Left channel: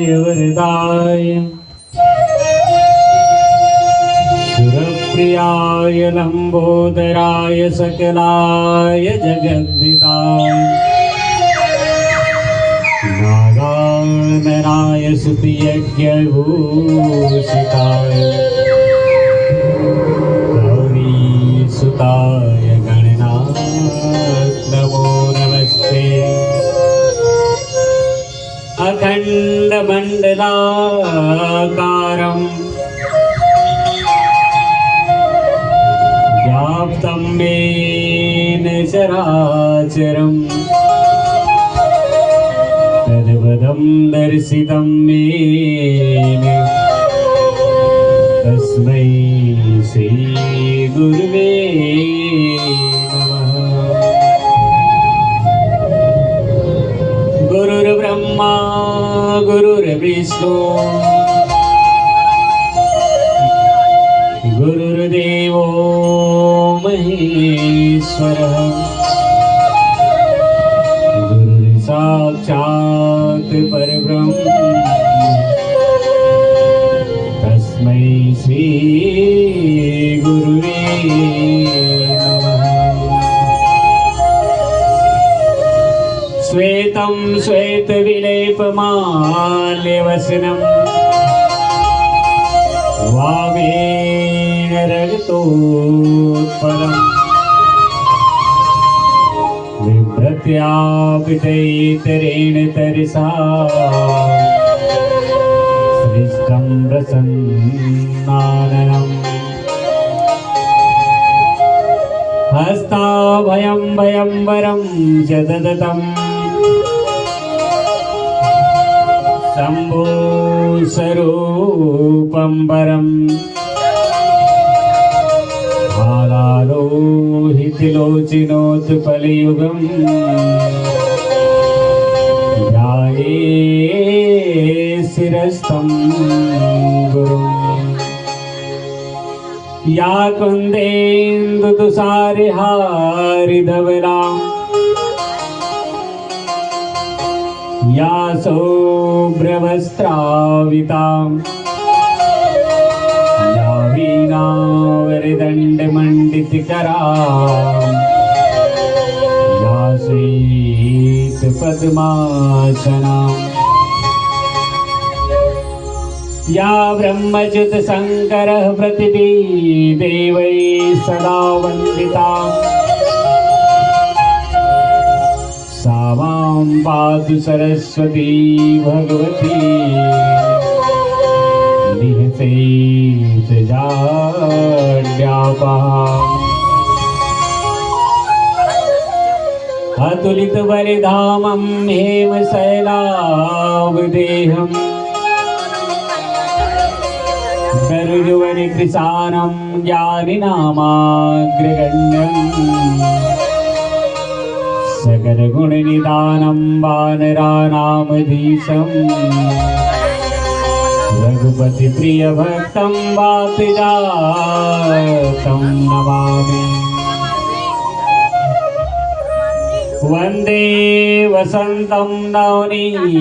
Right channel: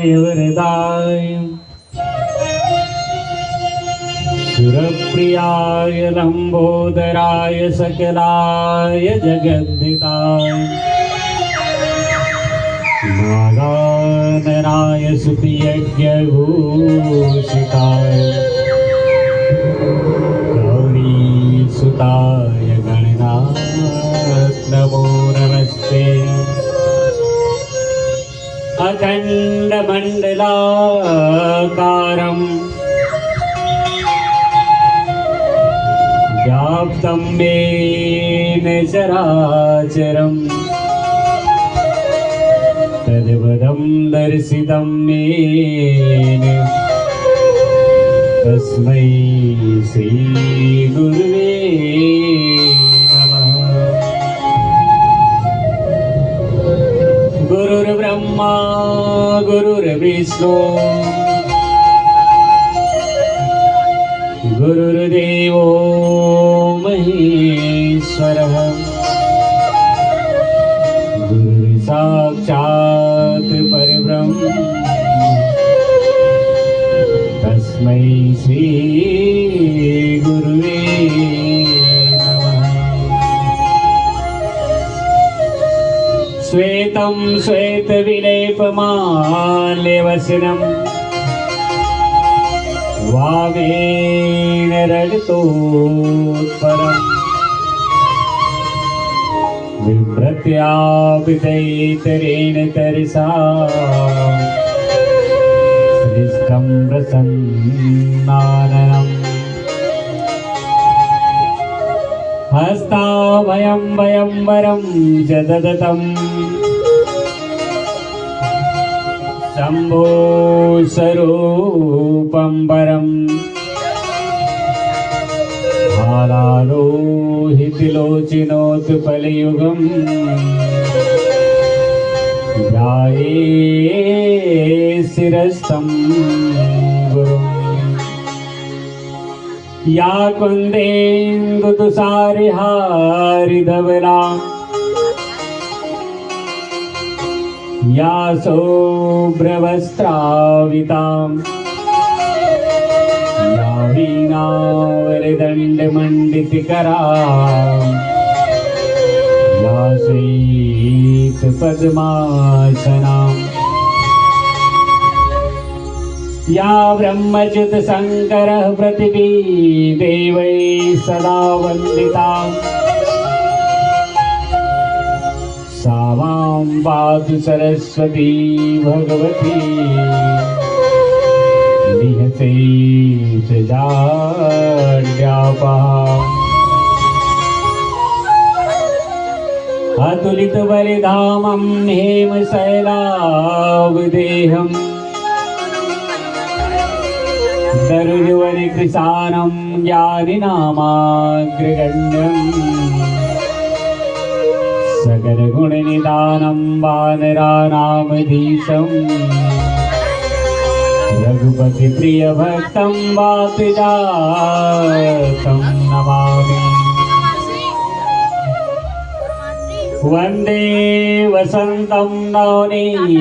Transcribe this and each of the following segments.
विघ्नराजाय वरदाय सुरप्रियाय लंबोदराय सकलाय जगद्धिताय नागाननाय सुतयज्ञभूषिताय गौरीसुताय गणनाथ नमो नमस्ते। अखण्डमण्डलाकारं व्याप्तं येन चराचरं तद्पदं दर्शितं येन तस्मै श्रीगुरुवे नमः। गुरुर्ब्रह्मा गुरुर्विष्णु गुरुर्देवो महेश्वरः गुरुर्साक्षात् परब्रह्म तस्मै श्री गुरुवे नमः। श्वेतं श्वेतविलेपमाल्यवसनं वामेन रजतोत्पलम् विभ्रत्यापितैतरेण तरसा सृष्टं प्रसन्नाननम् हस्ताभयं भयंवरं च ददतं शम्भो स्वरूपं परम् हालालोहितलोचनोत्पलयुगम् ध्याये शिरस्तं गुरुम्। या कुन्देन्दुतुषारहारिधवला या शुभ्रवस्त्रावितां या वीणावरदण्डमण्डितकरां या श्वेतपद्मासनां या ब्रह्मच्युतशङ्करः प्रतिदेवैः सदा वन्दिता सा मां पातु सरस्वती भगवती निहतेत जाड्यापहा। अतुलितबलिधामं हेमशैलावदेहं सरोजवनिकृशानं ज्ञानिनामाग्रगण्यम् सकलगुणनिधानं वानराणामधीशम् रघुपतिप्रियभक्तं वातजातं नमामि। वन्दे वसन्तं नवनीतचौरम्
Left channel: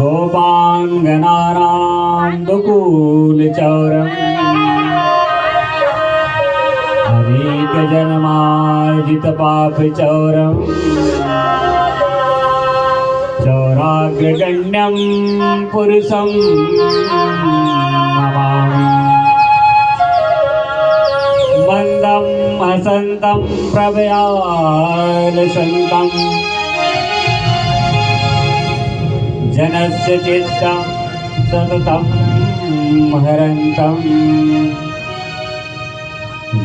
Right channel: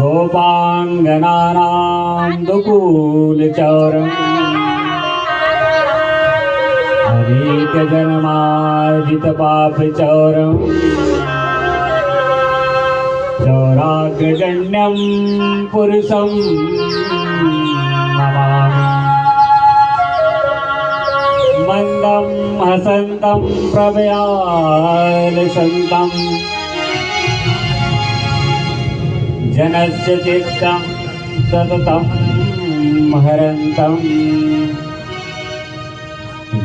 गोपाङ्गनानां दुकूलचौरम् अनेकजन्मार्जितपापचौरम् चौराग्रगण्यं पुरुषं नमामि। मन्दं हसन्तं प्रभयारसन्तं जनस्य चित्तं सततं हरन्तं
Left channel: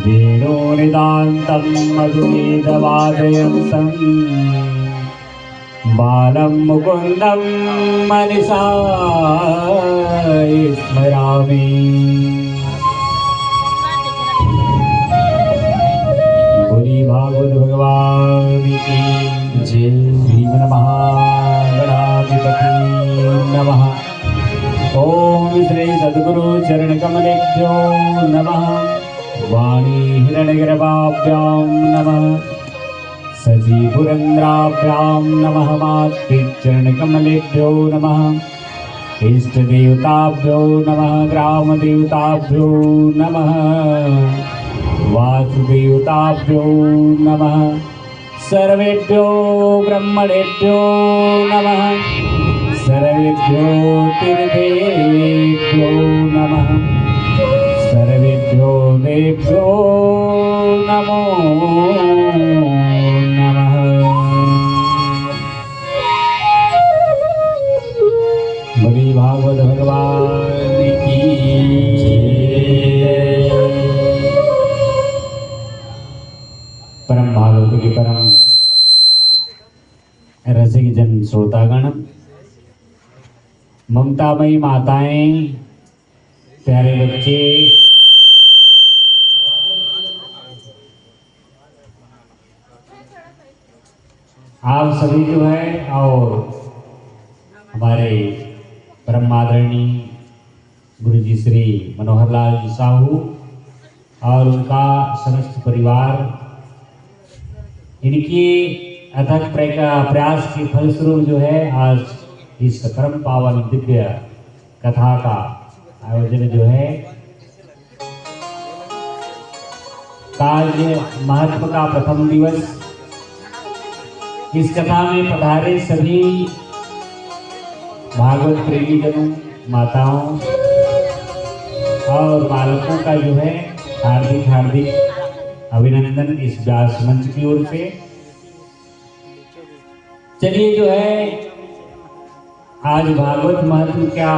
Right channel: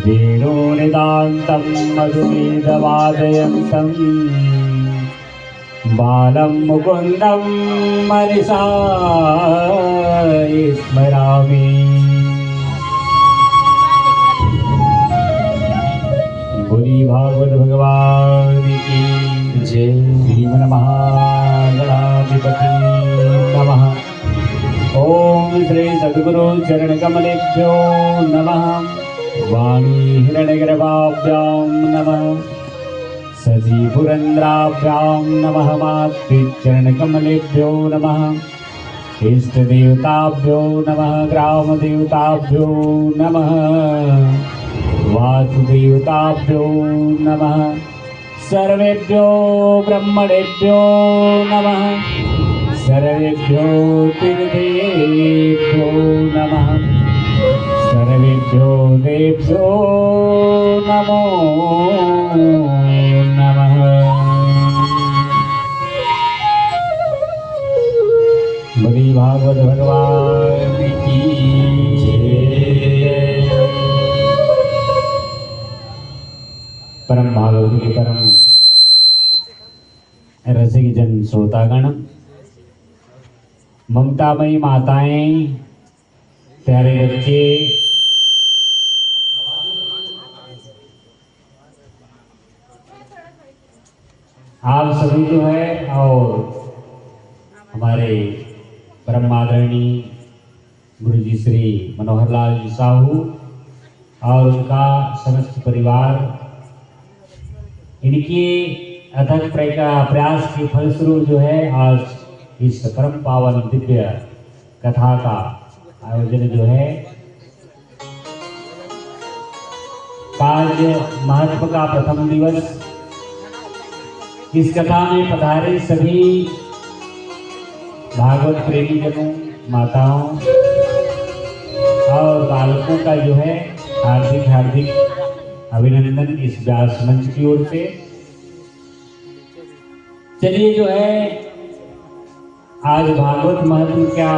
वेणुनिदान्तं मधुमेधवादयन्तं बालं मुकुन्दं मनसा स्मरामि। बोली भागवत भगवान की जय। श्रीमन्महागणाधिपति नमः। ओम श्री सद्गुरु चरणकमलेभ्यो नमः। वाणी हिरण्यगर्भाभ्यां नमः। सजी पुरंद्रा चरणकमलेभ्यो नमः। इष्टदेवताभ्यो नमः। ग्रामदेवताभ्यो नमः। वासुदेवताभ्यो नमः। सर्वेभ्यो ब्रह्मणेभ्यो नमः। सर्वेभ्यो तीर्थेभ्यो नमः। सर्वेभ्यो देभ्यो नमो नमः। बोलिए भागवत भगवान की जय। परम भागवत के परम रसिक जन श्रोतागण, ममतामयी माताएं, प्यारे बच्चे, आप सभी जो है और हमारे परम आदरणीय गुरु जी श्री मनोहर लाल जी साहू और उनका समस्त परिवार, इनकी अथक प्रयास के फलस्वरूप जो है आज इस परम पावन दिव्य कथा का आयोजन जो है कार्य महत्व का प्रथम दिवस। इस कथा में पधारे सभी भागवत प्रेमी जनों, माताओं और बालकों का जो है हार्दिक हार्दिक अभिनंदन इस व्यास मंच की ओर से। चलिए जो है आज भागवत महत्व क्या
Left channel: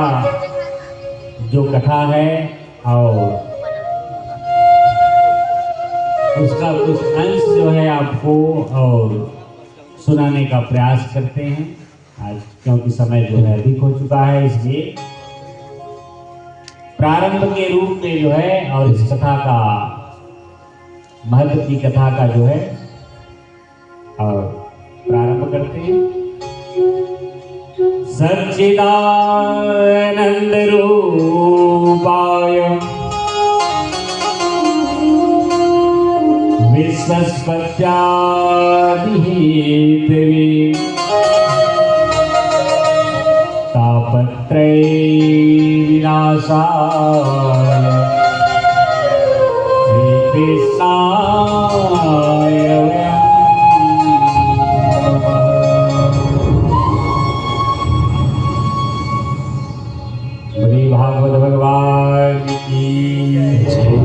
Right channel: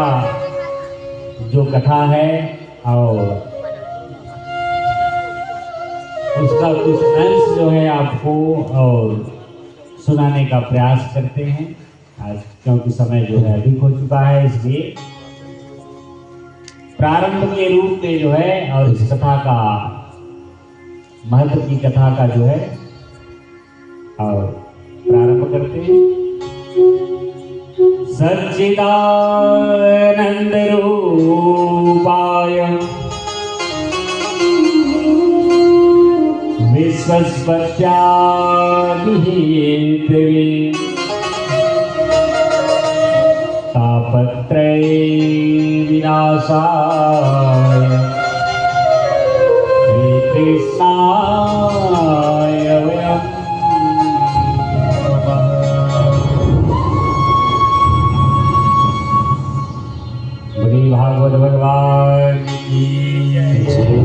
जो कथा है और उसका कुछ अंश जो है आपको और सुनाने का प्रयास करते हैं आज, क्योंकि समय जो है अधिक हो चुका है, इसलिए प्रारंभ के रूप में जो है और इस कथा का महत्व की कथा का जो है और प्रारंभ करते हैं। सच्चिदानंद रूपाय विश्वस्पत्यादिहेतवे तापत्रय विनाशाय श्रीकृष्णाय वयं भागवत भगवान की जय।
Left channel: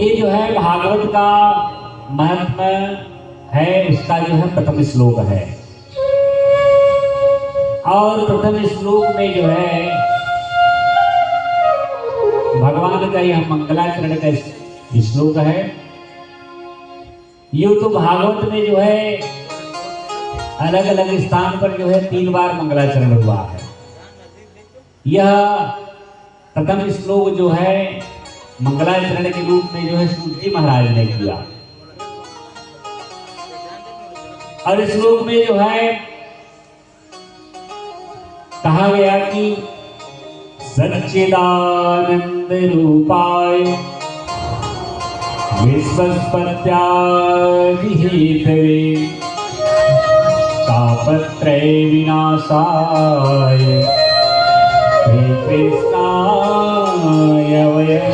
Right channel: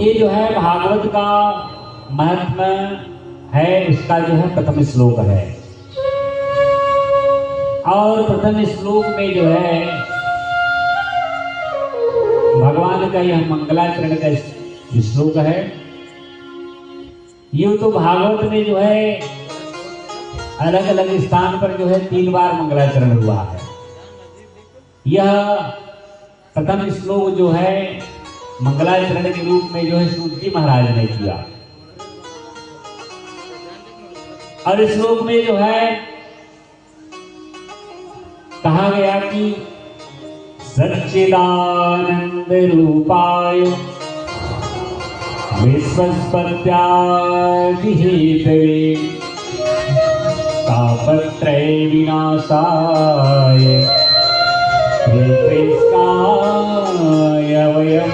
ये जो है भागवत का महत्व है, उसका जो है प्रथम श्लोक है और प्रथम श्लोक में जो है भगवान का यह मंगलाचरण का श्लोक है। ये तो भागवत में जो है अलग अलग स्थान पर जो है 3 बार मंगलाचरण हुआ है। यह प्रथम श्लोक जो है मंगलाचरण के रूप में जो है सूत जी महाराज ने किया और इस श्लोक में जो है कहा गया कि सच्चिदानंद रूपाय विश्वस्पत्यादिहेतवे तापत्रय विनाशाय श्रीकृष्णाय वयं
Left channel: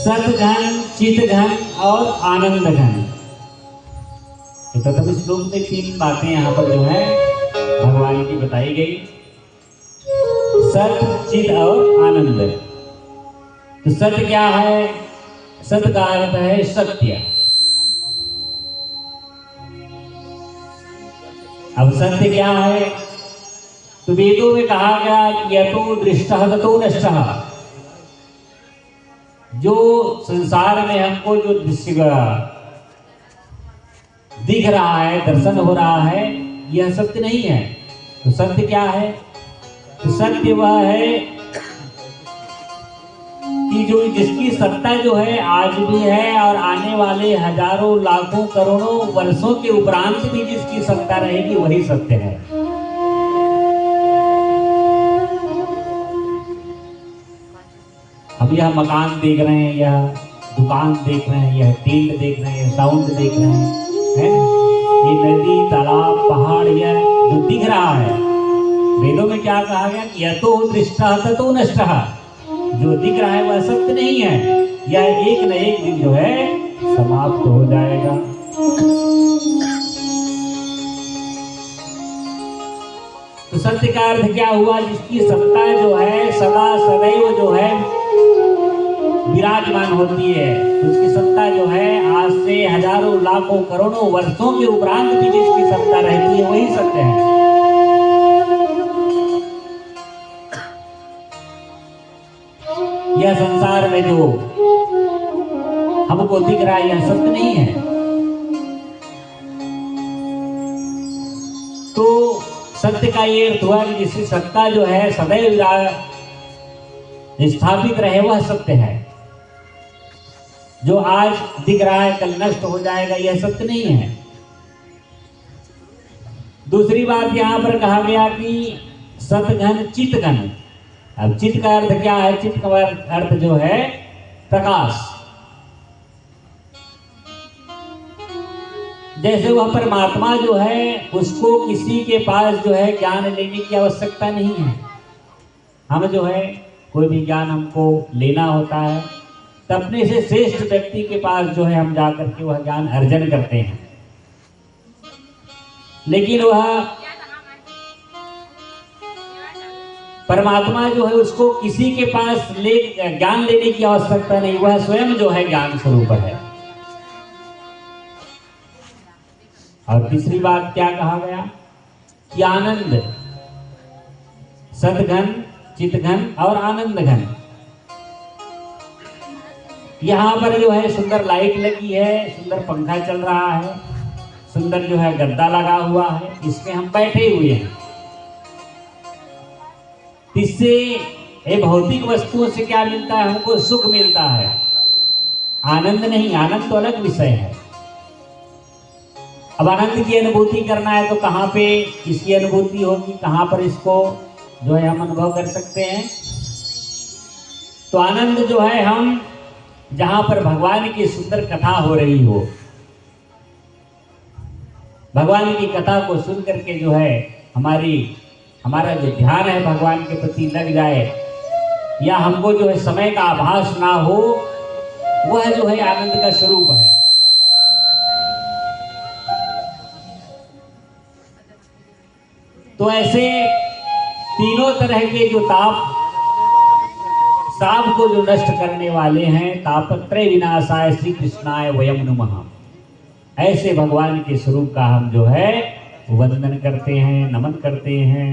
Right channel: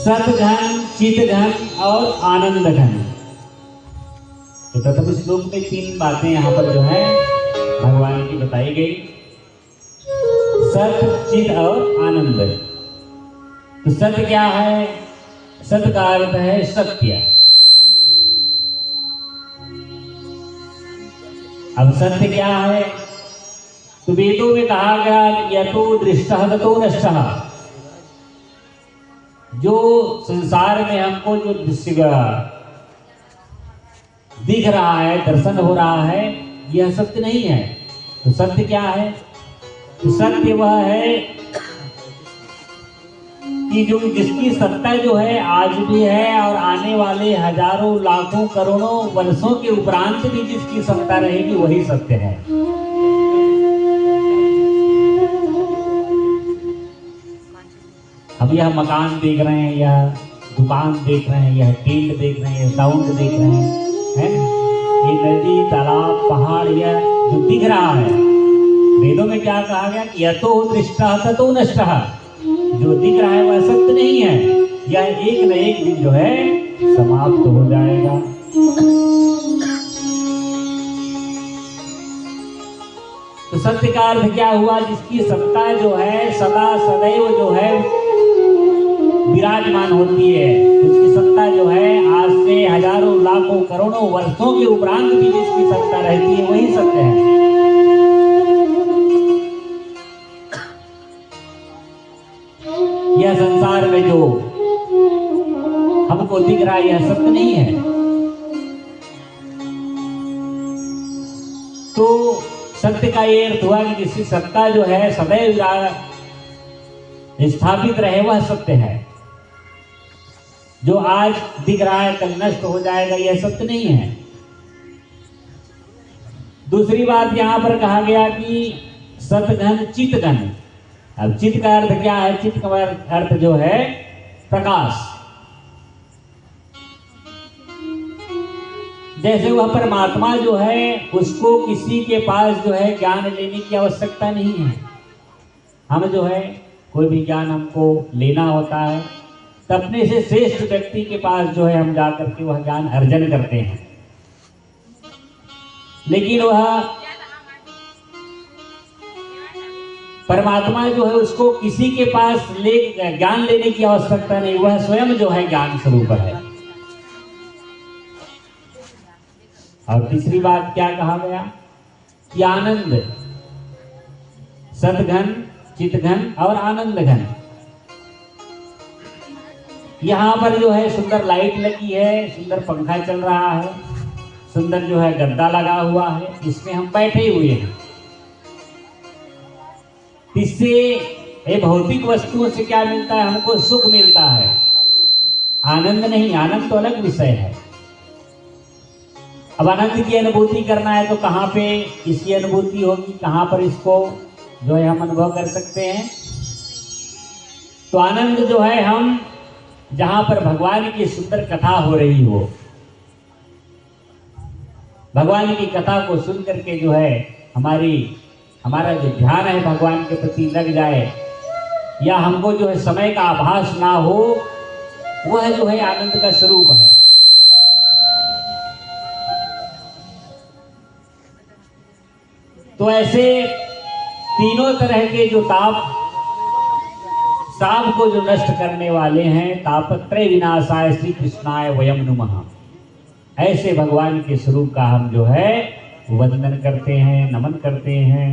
सतघन, चितघन और आनंद घन। तो प्रथम श्लोक में 3 बातें यहाँ पर जो है भगवान की बताई गई, सत, चित और आनंद। तो सत्य क्या है? सत्य का अर्थ है सत्य। अब सत्य क्या है? तो वेदों में कहा गया यतो दृष्टः ततो नष्टः। जो संसार में हमको जो दृश्य दिख रहा है, दर्शन हो रहा है, यह सत्य नहीं है। तो सत्य क्या है? तो सत्य वह है कि जो जिसकी सत्ता जो है आज भी है और आने वाले हजारों लाखों करोड़ों वर्षों के उपरांत भी जिसकी सत्ता रहेगी वही सत्य है। अब यह मकान देख रहे हैं, यह दुकान देख रहे हैं, यह टेंट देख रहे हैं, साउंड देख रहे हैं, है ना? ये नदी, तालाब, पहाड़, यह जो दिख रहा है, वेदों में क्या कहा गया कि यतो दृष्टा ततो नष्टः, जो दिख रहा है वह सत्य नहीं है, यह एक न एक दिन जो है समाप्त हो जाएगा। तो सत्य का अर्थ क्या हुआ? जिसकी सत्ता जो है सदा सदैव जो है विराजमान होती है, उसकी सत्ता जो है आज से हजारों लाखों करोड़ों वर्षों के उपरांत भी जिसकी सत्ता रहती है वही सत्य है। यह संसार में जो हमको दिख रहा है यह सत्य नहीं है। तो सत्य का ये अर्थ हुआ कि जिसकी सत्ता जो है सदैव स्थापित रहे वह सत्य है। जो आज दिख रहा है कल नष्ट हो जाएगा यह सत्य नहीं है। दूसरी बात यहां पर कहा गया कि सतघन चितघन। अब चित्त का अर्थ क्या है? चित्त का अर्थ जो है प्रकाश। जैसे वह परमात्मा जो है उसको किसी के पास जो है ज्ञान लेने की आवश्यकता नहीं है। हम जो है कोई भी ज्ञान हमको लेना होता है तो अपने से श्रेष्ठ व्यक्ति के पास जो है हम जाकर के वह ज्ञान अर्जन करते हैं। लेकिन वह परमात्मा जो है उसको किसी के पास ज्ञान लेने की आवश्यकता नहीं, वह स्वयं जो है ज्ञान स्वरूप है। और तीसरी बात क्या कहा गया कि आनंद, सतघन, चितघन और आनंद घन। यहां पर जो है सुंदर लाइट लगी है, सुंदर पंखा चल रहा है, सुंदर जो है गद्दा लगा हुआ है, इसमें हम बैठे हुए हैं। इससे ये भौतिक वस्तुओं से क्या मिलता है? हमको सुख मिलता है, आनंद नहीं। आनंद तो अलग विषय है। अब आनंद की अनुभूति करना है तो कहां पे इसकी अनुभूति होगी, कहां पर इसको जो है हम अनुभव कर सकते हैं? तो आनंद जो है हम जहां पर भगवान की सुंदर कथा हो रही हो, भगवान की कथा को सुन करके जो है हमारा जो ध्यान है भगवान के प्रति लग जाए, या हमको जो है समय का आभास ना हो, वह जो है आनंद का स्वरूप है। तो ऐसे तीनों तरह के जो ताप सांप को जो नष्ट करने वाले हैं, तापत्रय विनाशाय श्री कृष्णाय वयम नमः, ऐसे भगवान के स्वरूप का हम जो है वंदन करते हैं, नमन करते हैं।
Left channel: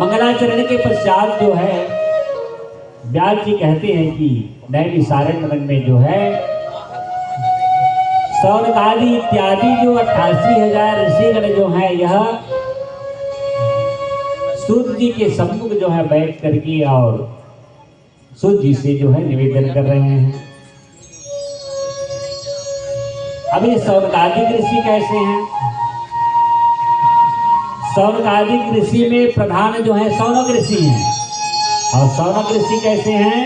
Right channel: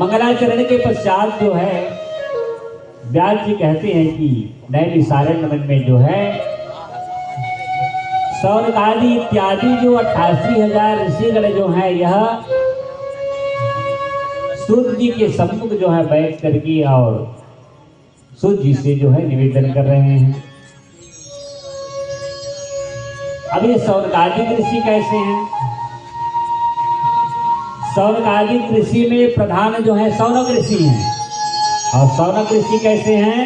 मंगलाचरण के पश्चात जो है व्यास जी कहते हैं कि नैमिषारण्य में जो है सौनकादि इत्यादि जो 88,000 ऋषिगण जो है यह सूर्य जी के सम्मुख जो है बैठ करके और सूर्य जी से जो है निवेदन कर रहे हैं। अभी सौनकादिक ऋषि कैसे हैं? सौनकादिक ऋषि में प्रधान जो है सौनक ऋषि हैं। और सौनक ऋषि कैसे हैं?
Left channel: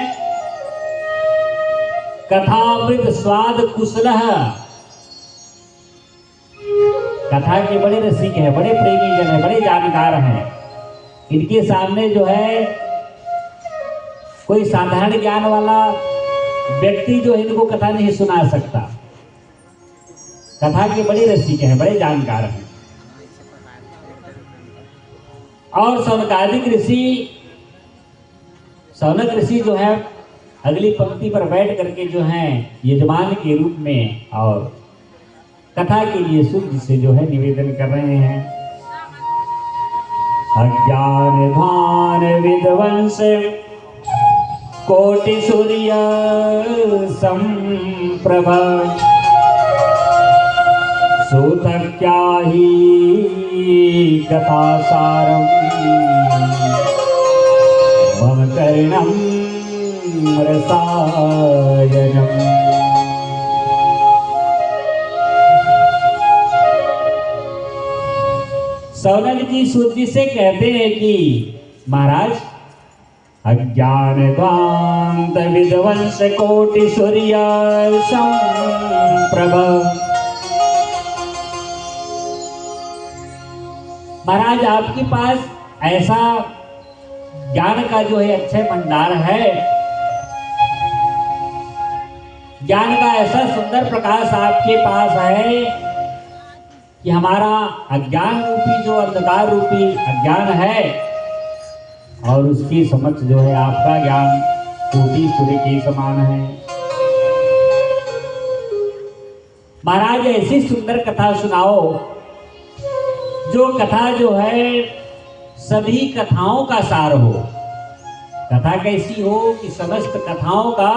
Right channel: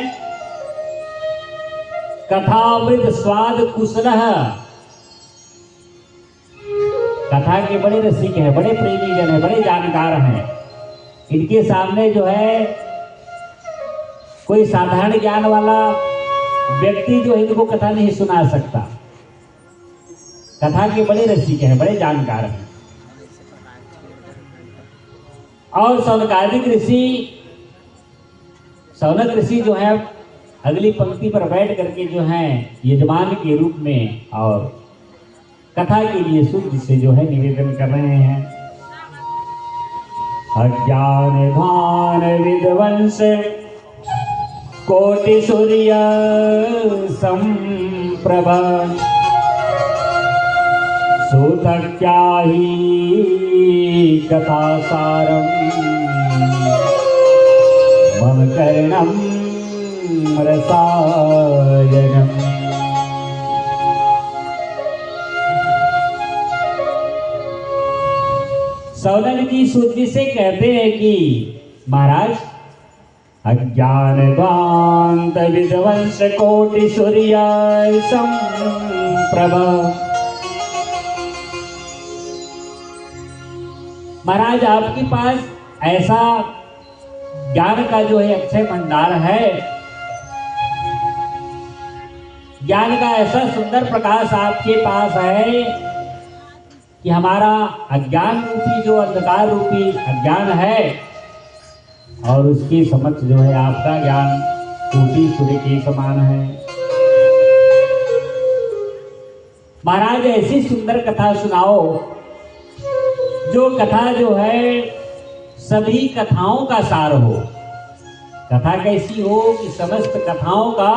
कथामृत स्वाद कुशलः, कथा के बड़े रसिक हैं, बड़े प्रेमी जन हैं, बड़े जानकार हैं। इनके सामने जो है कोई साधारण ज्ञान वाला व्यक्ति जो है इनको कथा नहीं सुना सकता। कथा के बड़े रसिक हैं, बड़े जानकार हैं। और सौनकादिक ऋषि, सौनक ऋषि जो है अगली पंक्ति पर बैठ करके जो है यजमान के रूप में और कथा के लिए सूर्य से जो है निवेदन कर रहे हैं। अज्ञान भान विध्वंस कोटि सूर्य संप्रभा, सूत क्या ही कथा सारम मम कर्णम रसायनम। सौनक जी सूर्य से कहते हैं कि महाराज अज्ञानकांत विध्वंस कोटि सूर्य संप्रभ। महाराज आपके पास ऐसा ज्ञान का जो है अक्षय भंडार है, ज्ञान का ऐसा सुंदर प्रकाश आपके पास है कि हमारा अज्ञान रूपी जो अंधकार रूपी अज्ञान है और उसकी समक्ष जो है आपका ज्ञान कोटि सूर्य के समान है। महाराज ऐसी सुंदर कथा सुनाओ जो कथा जो है सभी कथाओं का सार हो। कथा कैसी हो कि समस्त कथाओं का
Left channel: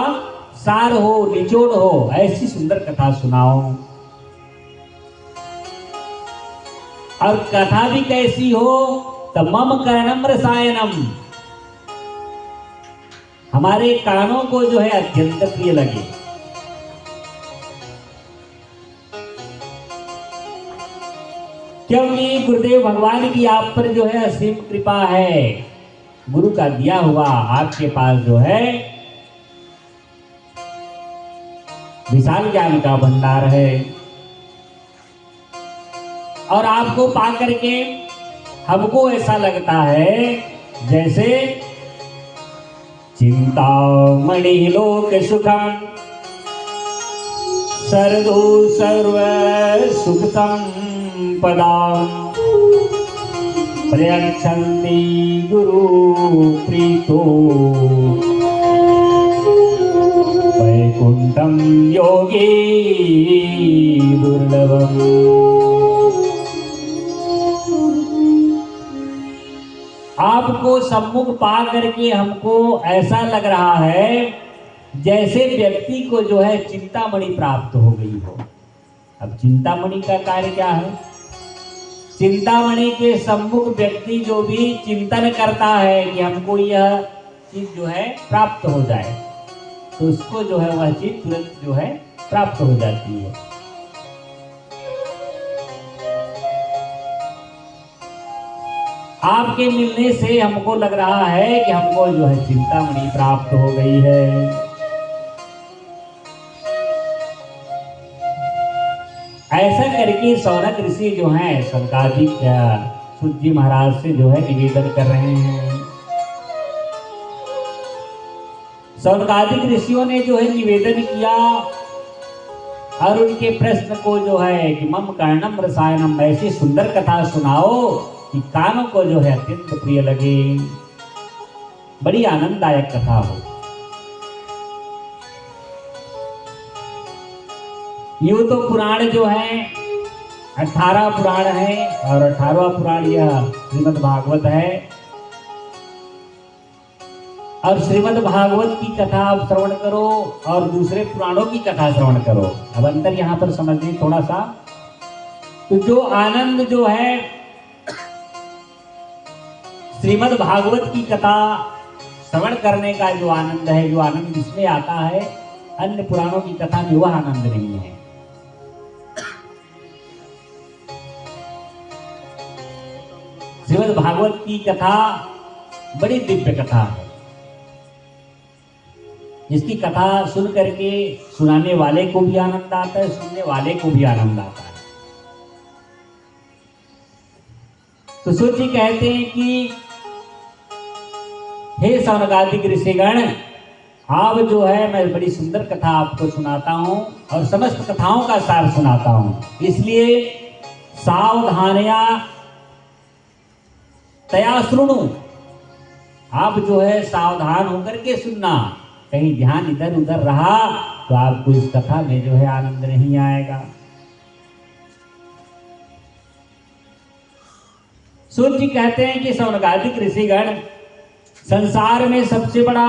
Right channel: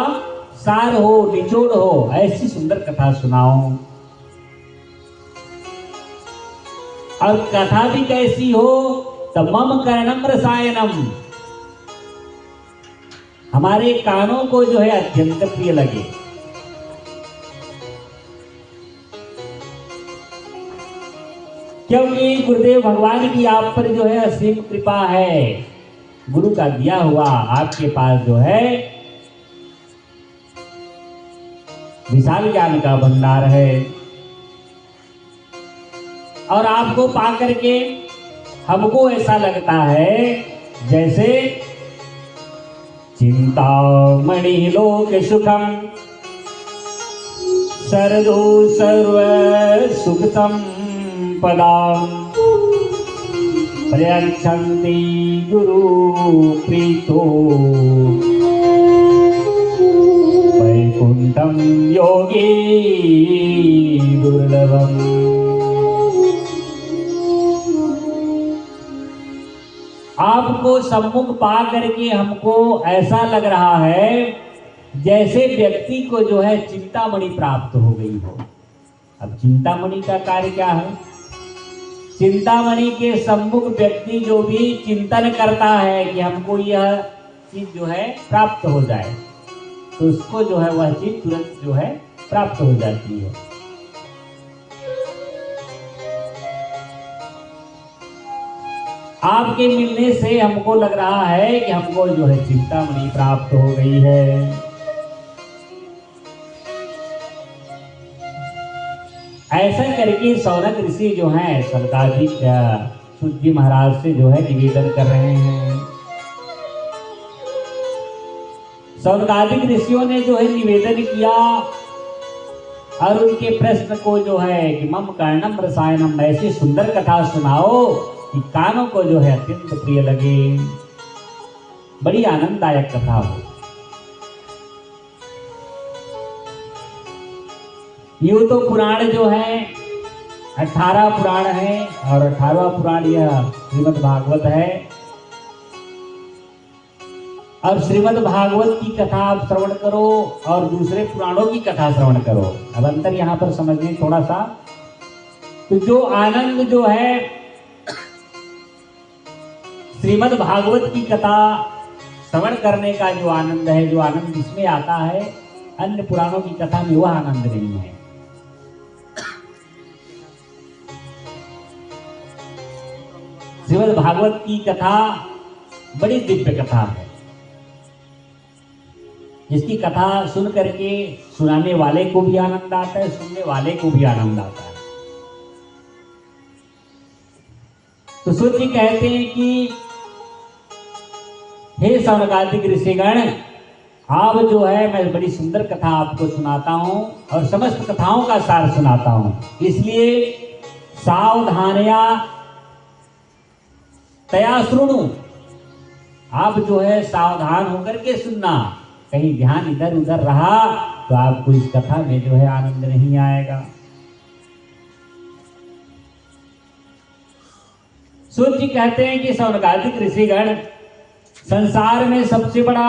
सार हो, निचोड़ हो, ऐसी सुंदर कथा सुनाओ। और कथा भी कैसी हो तो मम कर्णम रसायनम, हमारे कानों को जो है अत्यंत प्रिय लगे। क्योंकि गुरुदेव भगवान की आप पर जो है असीम कृपा है, गुरु का दिया हुआ आपके पास जो है विशाल ज्ञान का भंडार है। और आपको पा करके हमको ऐसा लगता है जैसे चिंतामणि लोक सुखम सर्वो सर्व सुखतम पदाम प्रयच्छन्ति गुरु प्रीतो वैकुंठम योगी दुर्लभम। आपको सम्मुख पा करके हमको ऐसा लग रहा है जैसे व्यक्ति को जो है चिंतामणि प्राप्त हो गई हो। अब चिंतामणि का कार्य क्या है? चिंतामणि के सम्मुख व्यक्ति जो भी चिंतन करता है कि हमको यह चीज जो है प्राप्त हो जाए, तो उसको जो है वह चीज तुरंत जो है प्राप्त हो जाती है। आपके मिलने से हमको लग रहा है कि हमको जो है चिंतामणि प्राप्त हो गई है। ऐसा करके सौनक ऋषि जो हैं सनकादिक सूत जी महाराज से जो है निवेदन कर रहे हैं। सनकादिक ऋषियों ने जो है निवेदन किया और उनके प्रश्न को जो है कि मम कर्णम रसायनम, ऐसी सुंदर कथा सुनाओ कि कानों को जो है अत्यंत प्रिय लगे, बड़ी आनंददायक कथा हो। यूं तो पुराण जो है 18 पुराण है और 18वां पुराण यह श्रीमद् भागवत है। और श्रीमद् भागवत की कथा आप श्रवण करो और दूसरे पुराणों की कथा श्रवण करो। अब अंतर यहाँ पर समझिए थोड़ा सा। तो जो आनंद जो है श्रीमद् भागवत की कथा श्रवण करने का जो आनंद है, जो आनंद इसमें आता है, अन्य पुराणों की कथा में वह आनंद नहीं है। श्रीमद् भागवत की कथा बड़ी दिव्य कथा है, जिसकी कथा सुन करके सुनाने वाले को भी आनंद आता है, सुनने वाले को भी आनंद आता है। तो सूत जी कहते हैं कि हे सौनकादिक ऋषिगण, आप जो है मैं बड़ी सुंदर कथा आपको सुनाता हूं और समस्त कथाओं का सार सुनाता हूं, इसलिए सावधानया तया सुनो। आप जो है सावधान होकर के सुनना, कहीं ध्यान इधर उधर रहा तो आपको इस कथा में जो है आनंद नहीं आएगा। सूत जी कहते हैं कि सौनकादिक ऋषिगण, संसार में सबसे बड़ा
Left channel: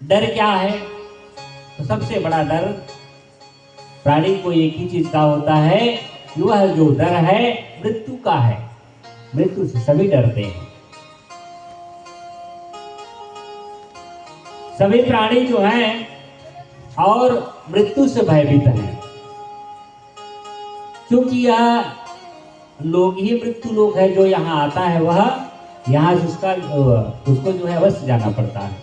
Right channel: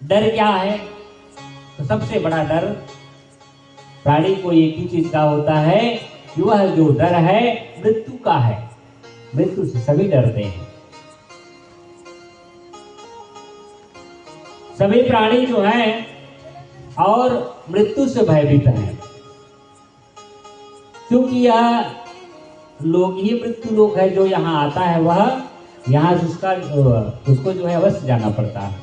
डर क्या है? तो सबसे बड़ा डर प्राणी को एक ही चीज का होता है, वह जो डर है मृत्यु का है। मृत्यु से सभी डरते हैं। सभी प्राणी जो हैं और मृत्यु से भयभीत हैं, क्योंकि यह लोक ही मृत्यु लोक है। जो यहाँ आता है वह यहाँ से उसको जो है अवश्य जाना पड़ता है,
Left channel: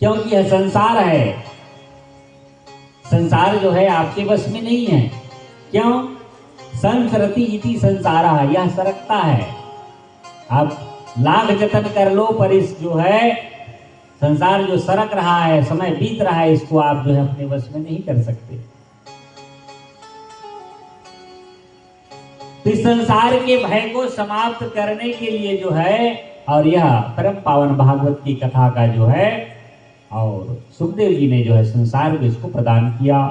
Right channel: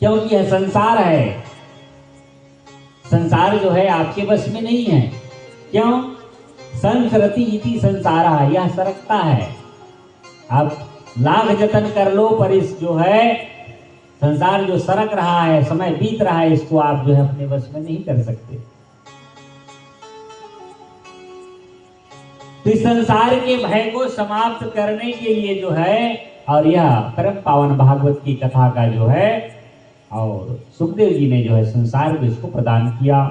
क्योंकि यह संसार है। संसार जो है आपके बस में नहीं है। क्यों? संसरति इति संसारा, यह सरकता है। आप लाख जतन कर लो पर इस जो है संसार जो सरक रहा है, समय बीत रहा है, इसको आप जो है अपने वश में नहीं कर सकते। तो इस संसार के भय को समाप्त करने के लिए जो है, और यह परम पावन भागवत की कथा का जो है, और सुखदेव जी ने जो है संसार को इसको प्रदान किया।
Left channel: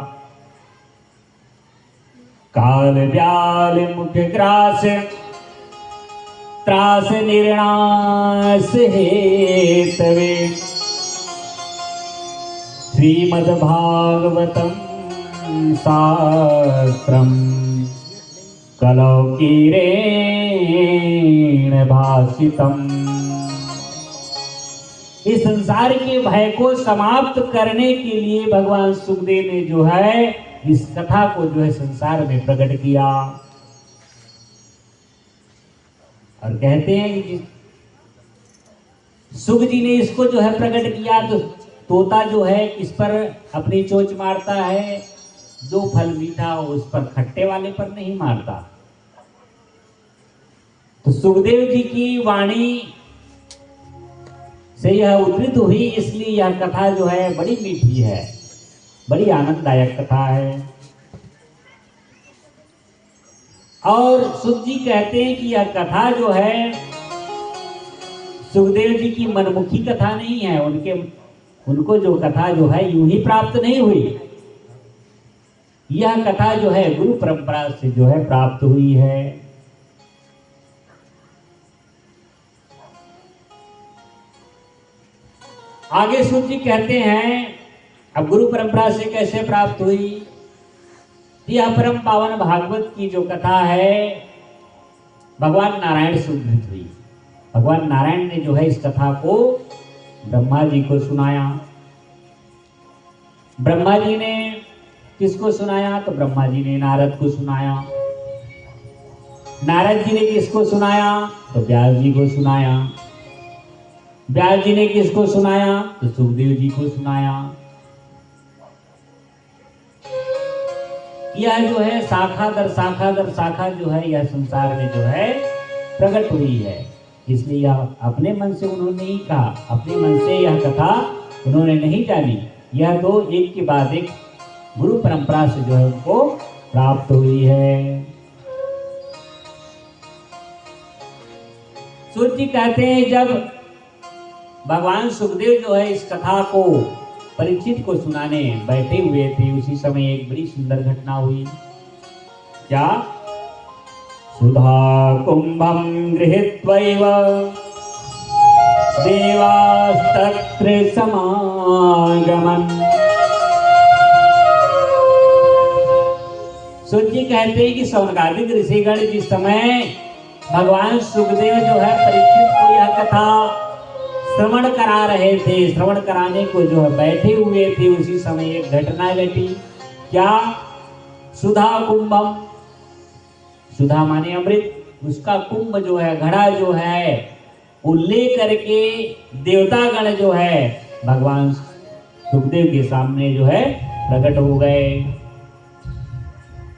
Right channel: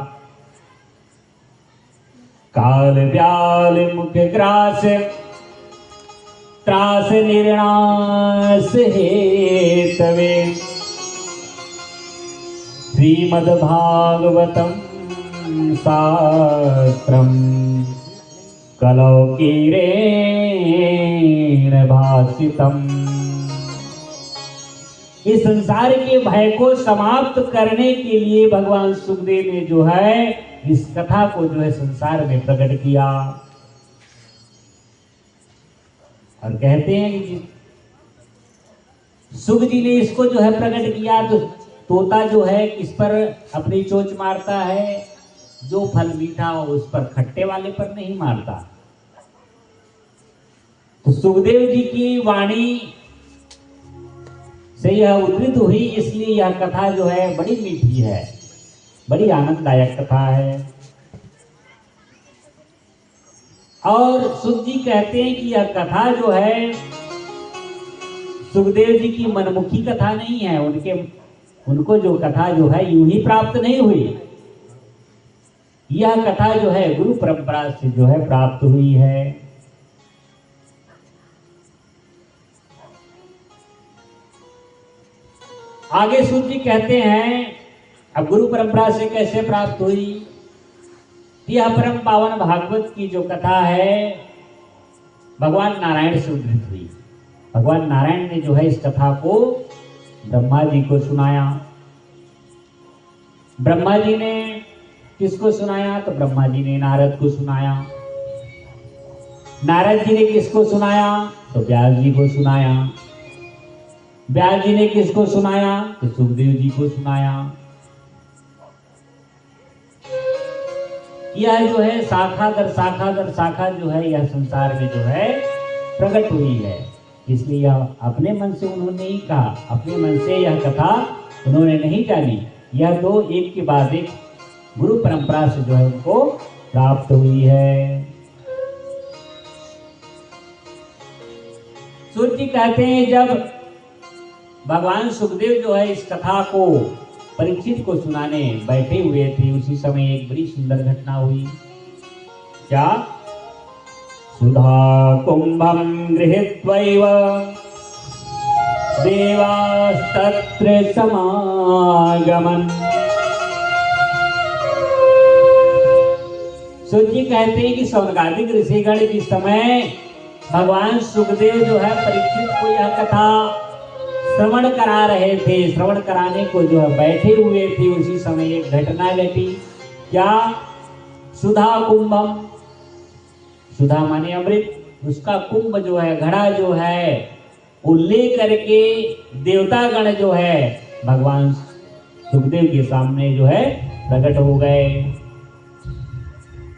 काल व्याल मुख ग्रास त्रास निर्णास हेतवे श्रीमद् भागवतम शास्त्रम कलौ कीरेण भासितम। इस संसार के भय को समाप्त करने के लिए भगवान सुखदेव ने जो है इस कथा को जो है संसार में प्रकट किया। और कहते हैं कि सुख जी ने इसको जो है प्रकट किया, तो तोता जो है किस पर अपनी चोंच मारता है? जो फल मीठा हो उस पर, खट्टे वाले पर नहीं मारता। तो सुखदेव जी की वाणी से यह उद्धृत हुई, इसलिए यह कथा जो है बड़ी मीठी है, बड़ी आनंददायक कथा है। और सुख जी कहते हैं कि यह कथा जो है सुखदेव जी की मनमुखी कथा नहीं है। उनको जो कथा जो है यूं ही प्राप्त नहीं हुई। यह कथा जो है गुरु परंपरा से जो है प्राप्त हुई है। आगे सुख जी कहते हैं अब गुरु परंपरा से कैसे प्राप्त हुई। यह परम पावन भागवत की जो कथा है भगवान नारायण से उद्धृत हुई। भगवान नारायण ने जो है इस कथा को ब्रह्मा जी को सुनाया। ब्रह्मा जी ने किसको सुनाया? तो ब्रह्मा जी ने नारद को सुनाया। नारद जी ने किसको सुनाया? तो व्यास जी को सुनाया। व्यास जी ने किसको सुनाया? तो सुखदेव जी को सुनाया। यह जो है शाखा दर शाखा जो है यह संसार में जो है प्रकट हुई है। इसलिए यह अपने मन से उन्होंने नहीं कहा, अपने मन से यह कथा उन्होंने नहीं जानी। यह दो एक के बाद एक गुरु परंपरा से जो है उनको प्राप्त हुई है। सूर्य जी कहते हैं जब भगवान सुखदेव जो है इस कथा को परीक्षित को सुनाने बैठे हुए थे, उसी समय एक बड़ी सुंदर घटना हुई। क्या? सुधा कुंभं गृहीत्वैव देवास्तत्र समागमन्। सूर्य जी कहते हैं कि सौनकादिक ऋषिगण जिस समय भगवान सुखदेव जो है परीक्षित को यह कथा श्रवण करा रहे थे, श्रवण कराने को जो है बैठे हुए थे, उसी समय एक घटना घटी। क्या? सुधा कुंभम, सुधा माने अमृत, उसका कुंभ जो है घड़ा जो है वो लेकर के देवतागण जो है भगवान सुखदेव के सामने जो है प्रकट हो गए।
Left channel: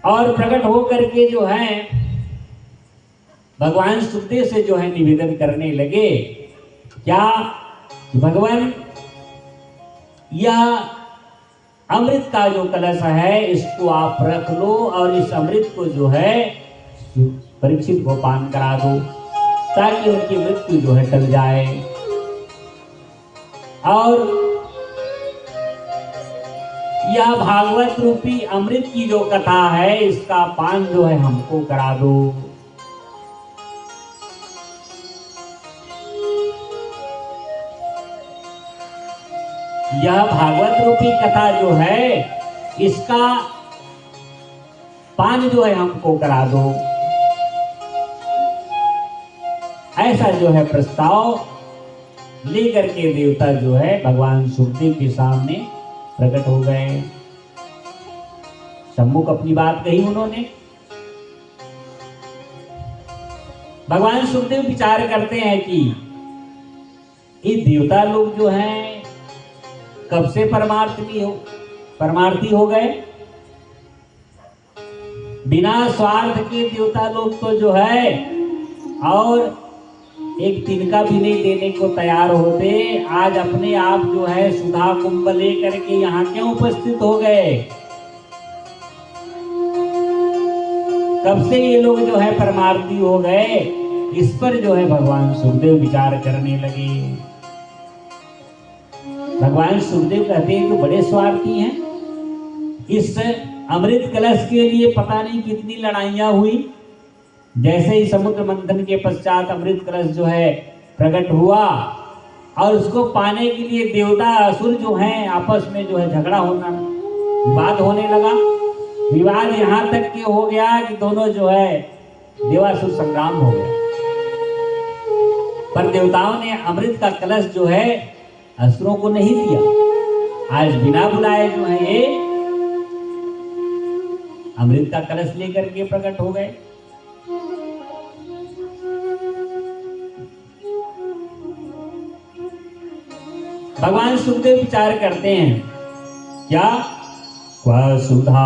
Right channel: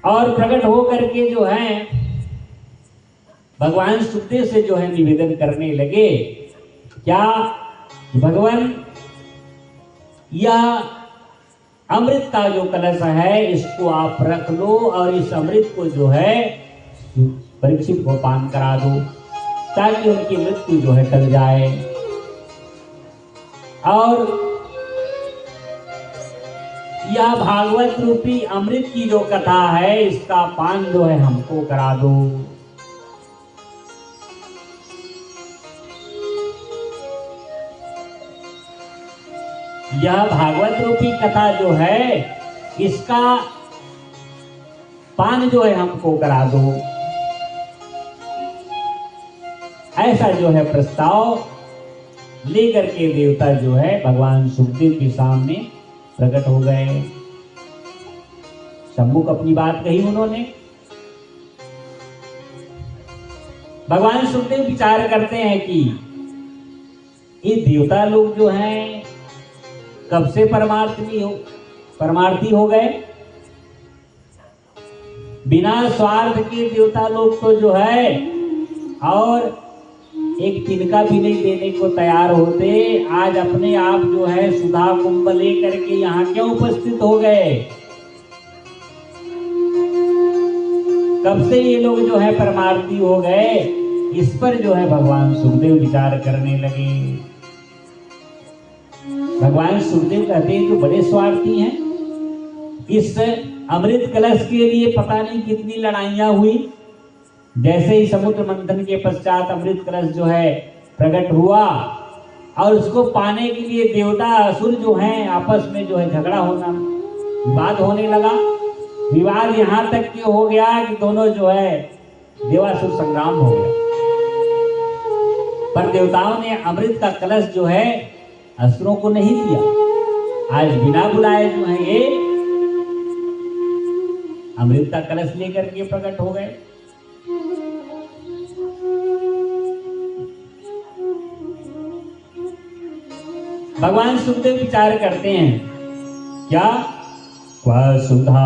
और प्रकट हो करके जो है भगवान सुखदेव से जो है निवेदन करने लगे। क्या? भगवान यह अमृत का जो कलश है इसको आप रख लो और इस अमृत को जो है परीक्षित को पान करा दो ताकि उनकी मृत्यु जो है टल जाए। और यह भागवत रूपी अमृत की जो कथा है इसका पान जो है हमको करा दो। यह भागवत रूपी कथा जो है इसका पान जो है हमको करा दो। ऐसा जो है प्रस्ताव लेकर के देवता जो है भगवान सुखदेव के सामने प्रकट हो गए। सम्मुख अपनी बात कही उन्होंने। भगवान सुखदेव विचार करते हैं कि ये देवता लोग जो हैं कब से परमार्थी हो गए। बिना स्वार्थ के देवता लोग तो जो है और एक तिनका भी नहीं देने को तैयार होते, आज अपने आप जो है सुधा कुंभ लेकर के यहाँ क्यों उपस्थित हो गए। कब से ये लोग जो है परमार्थी हो गए, इस पर जो है भगवान सुखदेव विचार करने लगे। भगवान सुखदेव कहते हैं जो बड़े स्वार्थी हैं। इस अमृत कलश के लिए पता नहीं कितनी लड़ाइयां हुई। जैसे ही समुद्र मंथन के पश्चात अमृत कलश जो है प्रकट हुआ और उसको पाने के लिए देवता असुर जो हैं आपस में जो है झगड़ा होना, विवाद होने लगा। विवाद यहाँ तक कि हो गया कि दोनों जो है देवासुर संग्राम हो गया। पर देवताओं ने अमृत का कलश जो है असुरों को नहीं दिया। आज बिना बुलाए जो है ये अमृत का कलश लेकर के प्रकट हो गए। भगवान सुखदेव विचार करते हैं क्या क्वा सुधा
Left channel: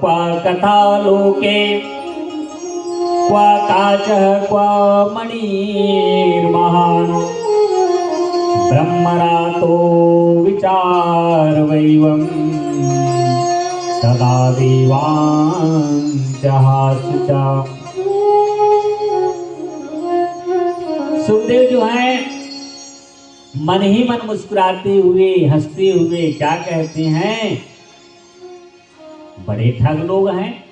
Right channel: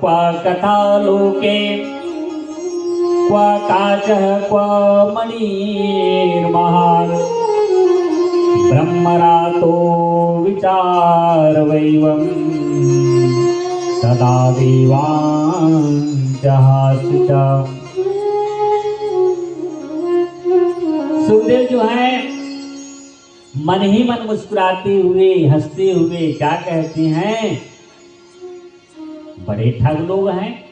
क्वा कथा लोके क्वा काचः क्वा मणिर्महान् ब्रह्मरातो विचार वैवं तदा देवान् जहासुचा। सुखदेव जो है मन ही मन मुस्कुराते हुए हंसते हुए क्या कहते हैं, बड़े ठग लोग हैं।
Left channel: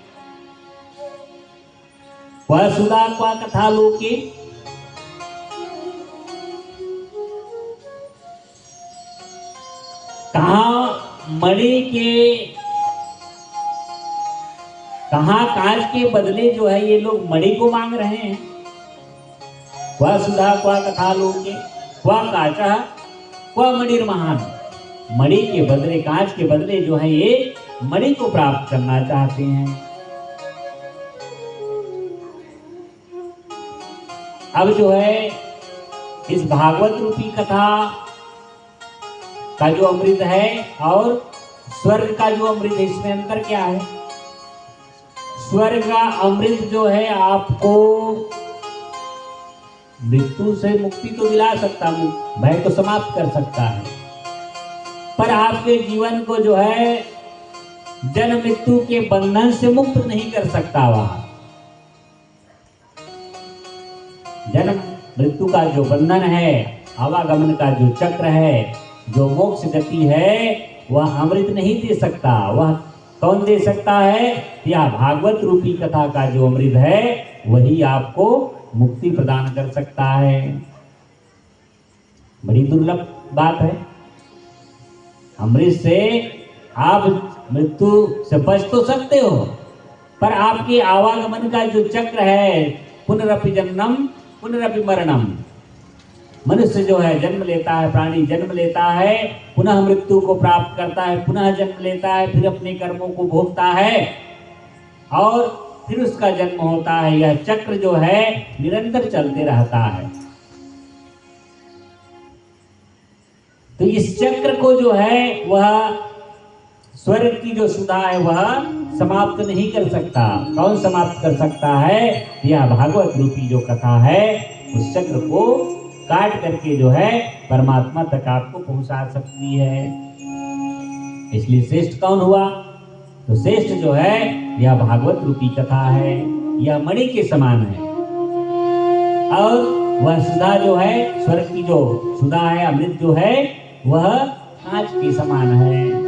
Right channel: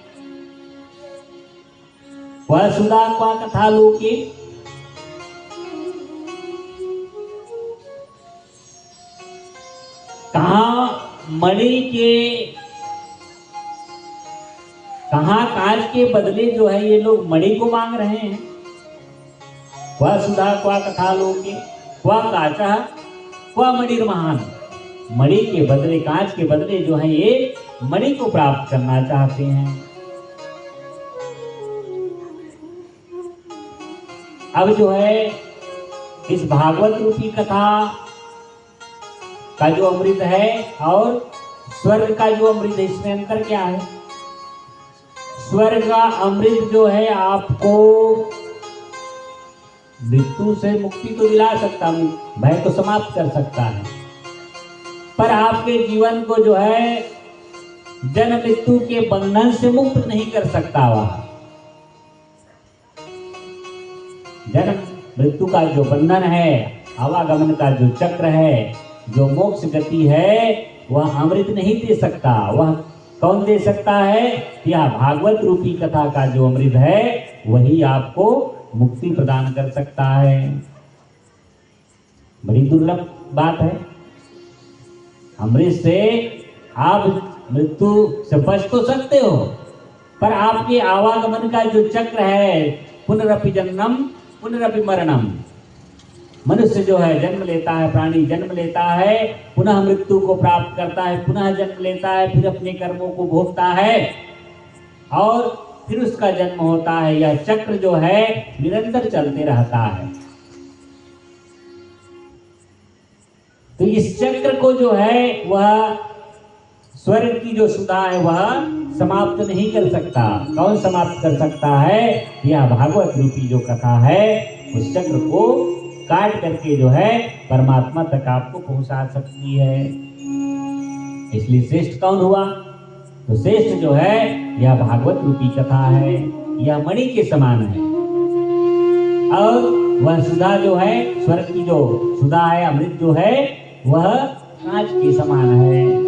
वह सुधा क्वा कथा लोके, कहां मणि के कहां कांच के बदले जो है ये लोग मणि को मांग रहे हैं। वह सुधा क्वा कथा लोके क्वा काचः क्वा मणिर्महान्, मणि के बदले कांच के बदले जो है ये मणि को प्राप्त करना चाहते हैं। अब जो है इस भागवत रूपी कथा का जो अमृत है और स्वर्ग का जो अमृत है, इसमें अंतर क्या है। स्वर्ग का अमृत जो है आपको मृत्यु से मुक्ति तो दिला सकता हूं, भय को समाप्त कर सकता है, पर आपके जीवन को जो है जन्म मृत्यु के बंधन से मुक्त नहीं कर सकता। वह जन्म मृत्यु का जो बंधन है, आवागमन का जो चक्र है, जो मोक्ष गति है, वह अमृत नहीं दे सकता। वह कौन दे सकता है? यह भागवत रूपी कथा का जो अमृत है वही आपको मुक्ति प्रदान कर सकता है। बड़ी दुर्लभ बात है। अमृत से आप मृत्यु से बच तो सकते हो, पर आपके आवागमन का जो चक्र है, पुनरपि जन्मम पुनरपि मरणम, मनुष्य जो है जन्म लेता है, प्राणी जन्म लेता है, पुनः मृत्यु को प्राप्त करता है, पुनः जन्म लेता है, फिर अपने कर्मों को भोगता है और फिर उसका जन्म होता है। यह चक्र जो है निरंतर चलते रहता है। तो इस चक्र को जो है वह स्वर्ग की जो सुधा है वह समाप्त नहीं कर सकता। कौन समाप्त कर सकता है? यह भागवत रूपी जो कथा है उस चक्र को काट करके जो है परमात्मा तक आपको पहुंचा सकती है। इसलिए श्रेष्ठ कौन हुआ? तो श्रेष्ठ जो है यह भागवत रूपी कथा है। यह मणि के समान है और वह सुधा जो है, स्वर्ग की जो सुधा है, अमृत जो है वह कांच के समान है।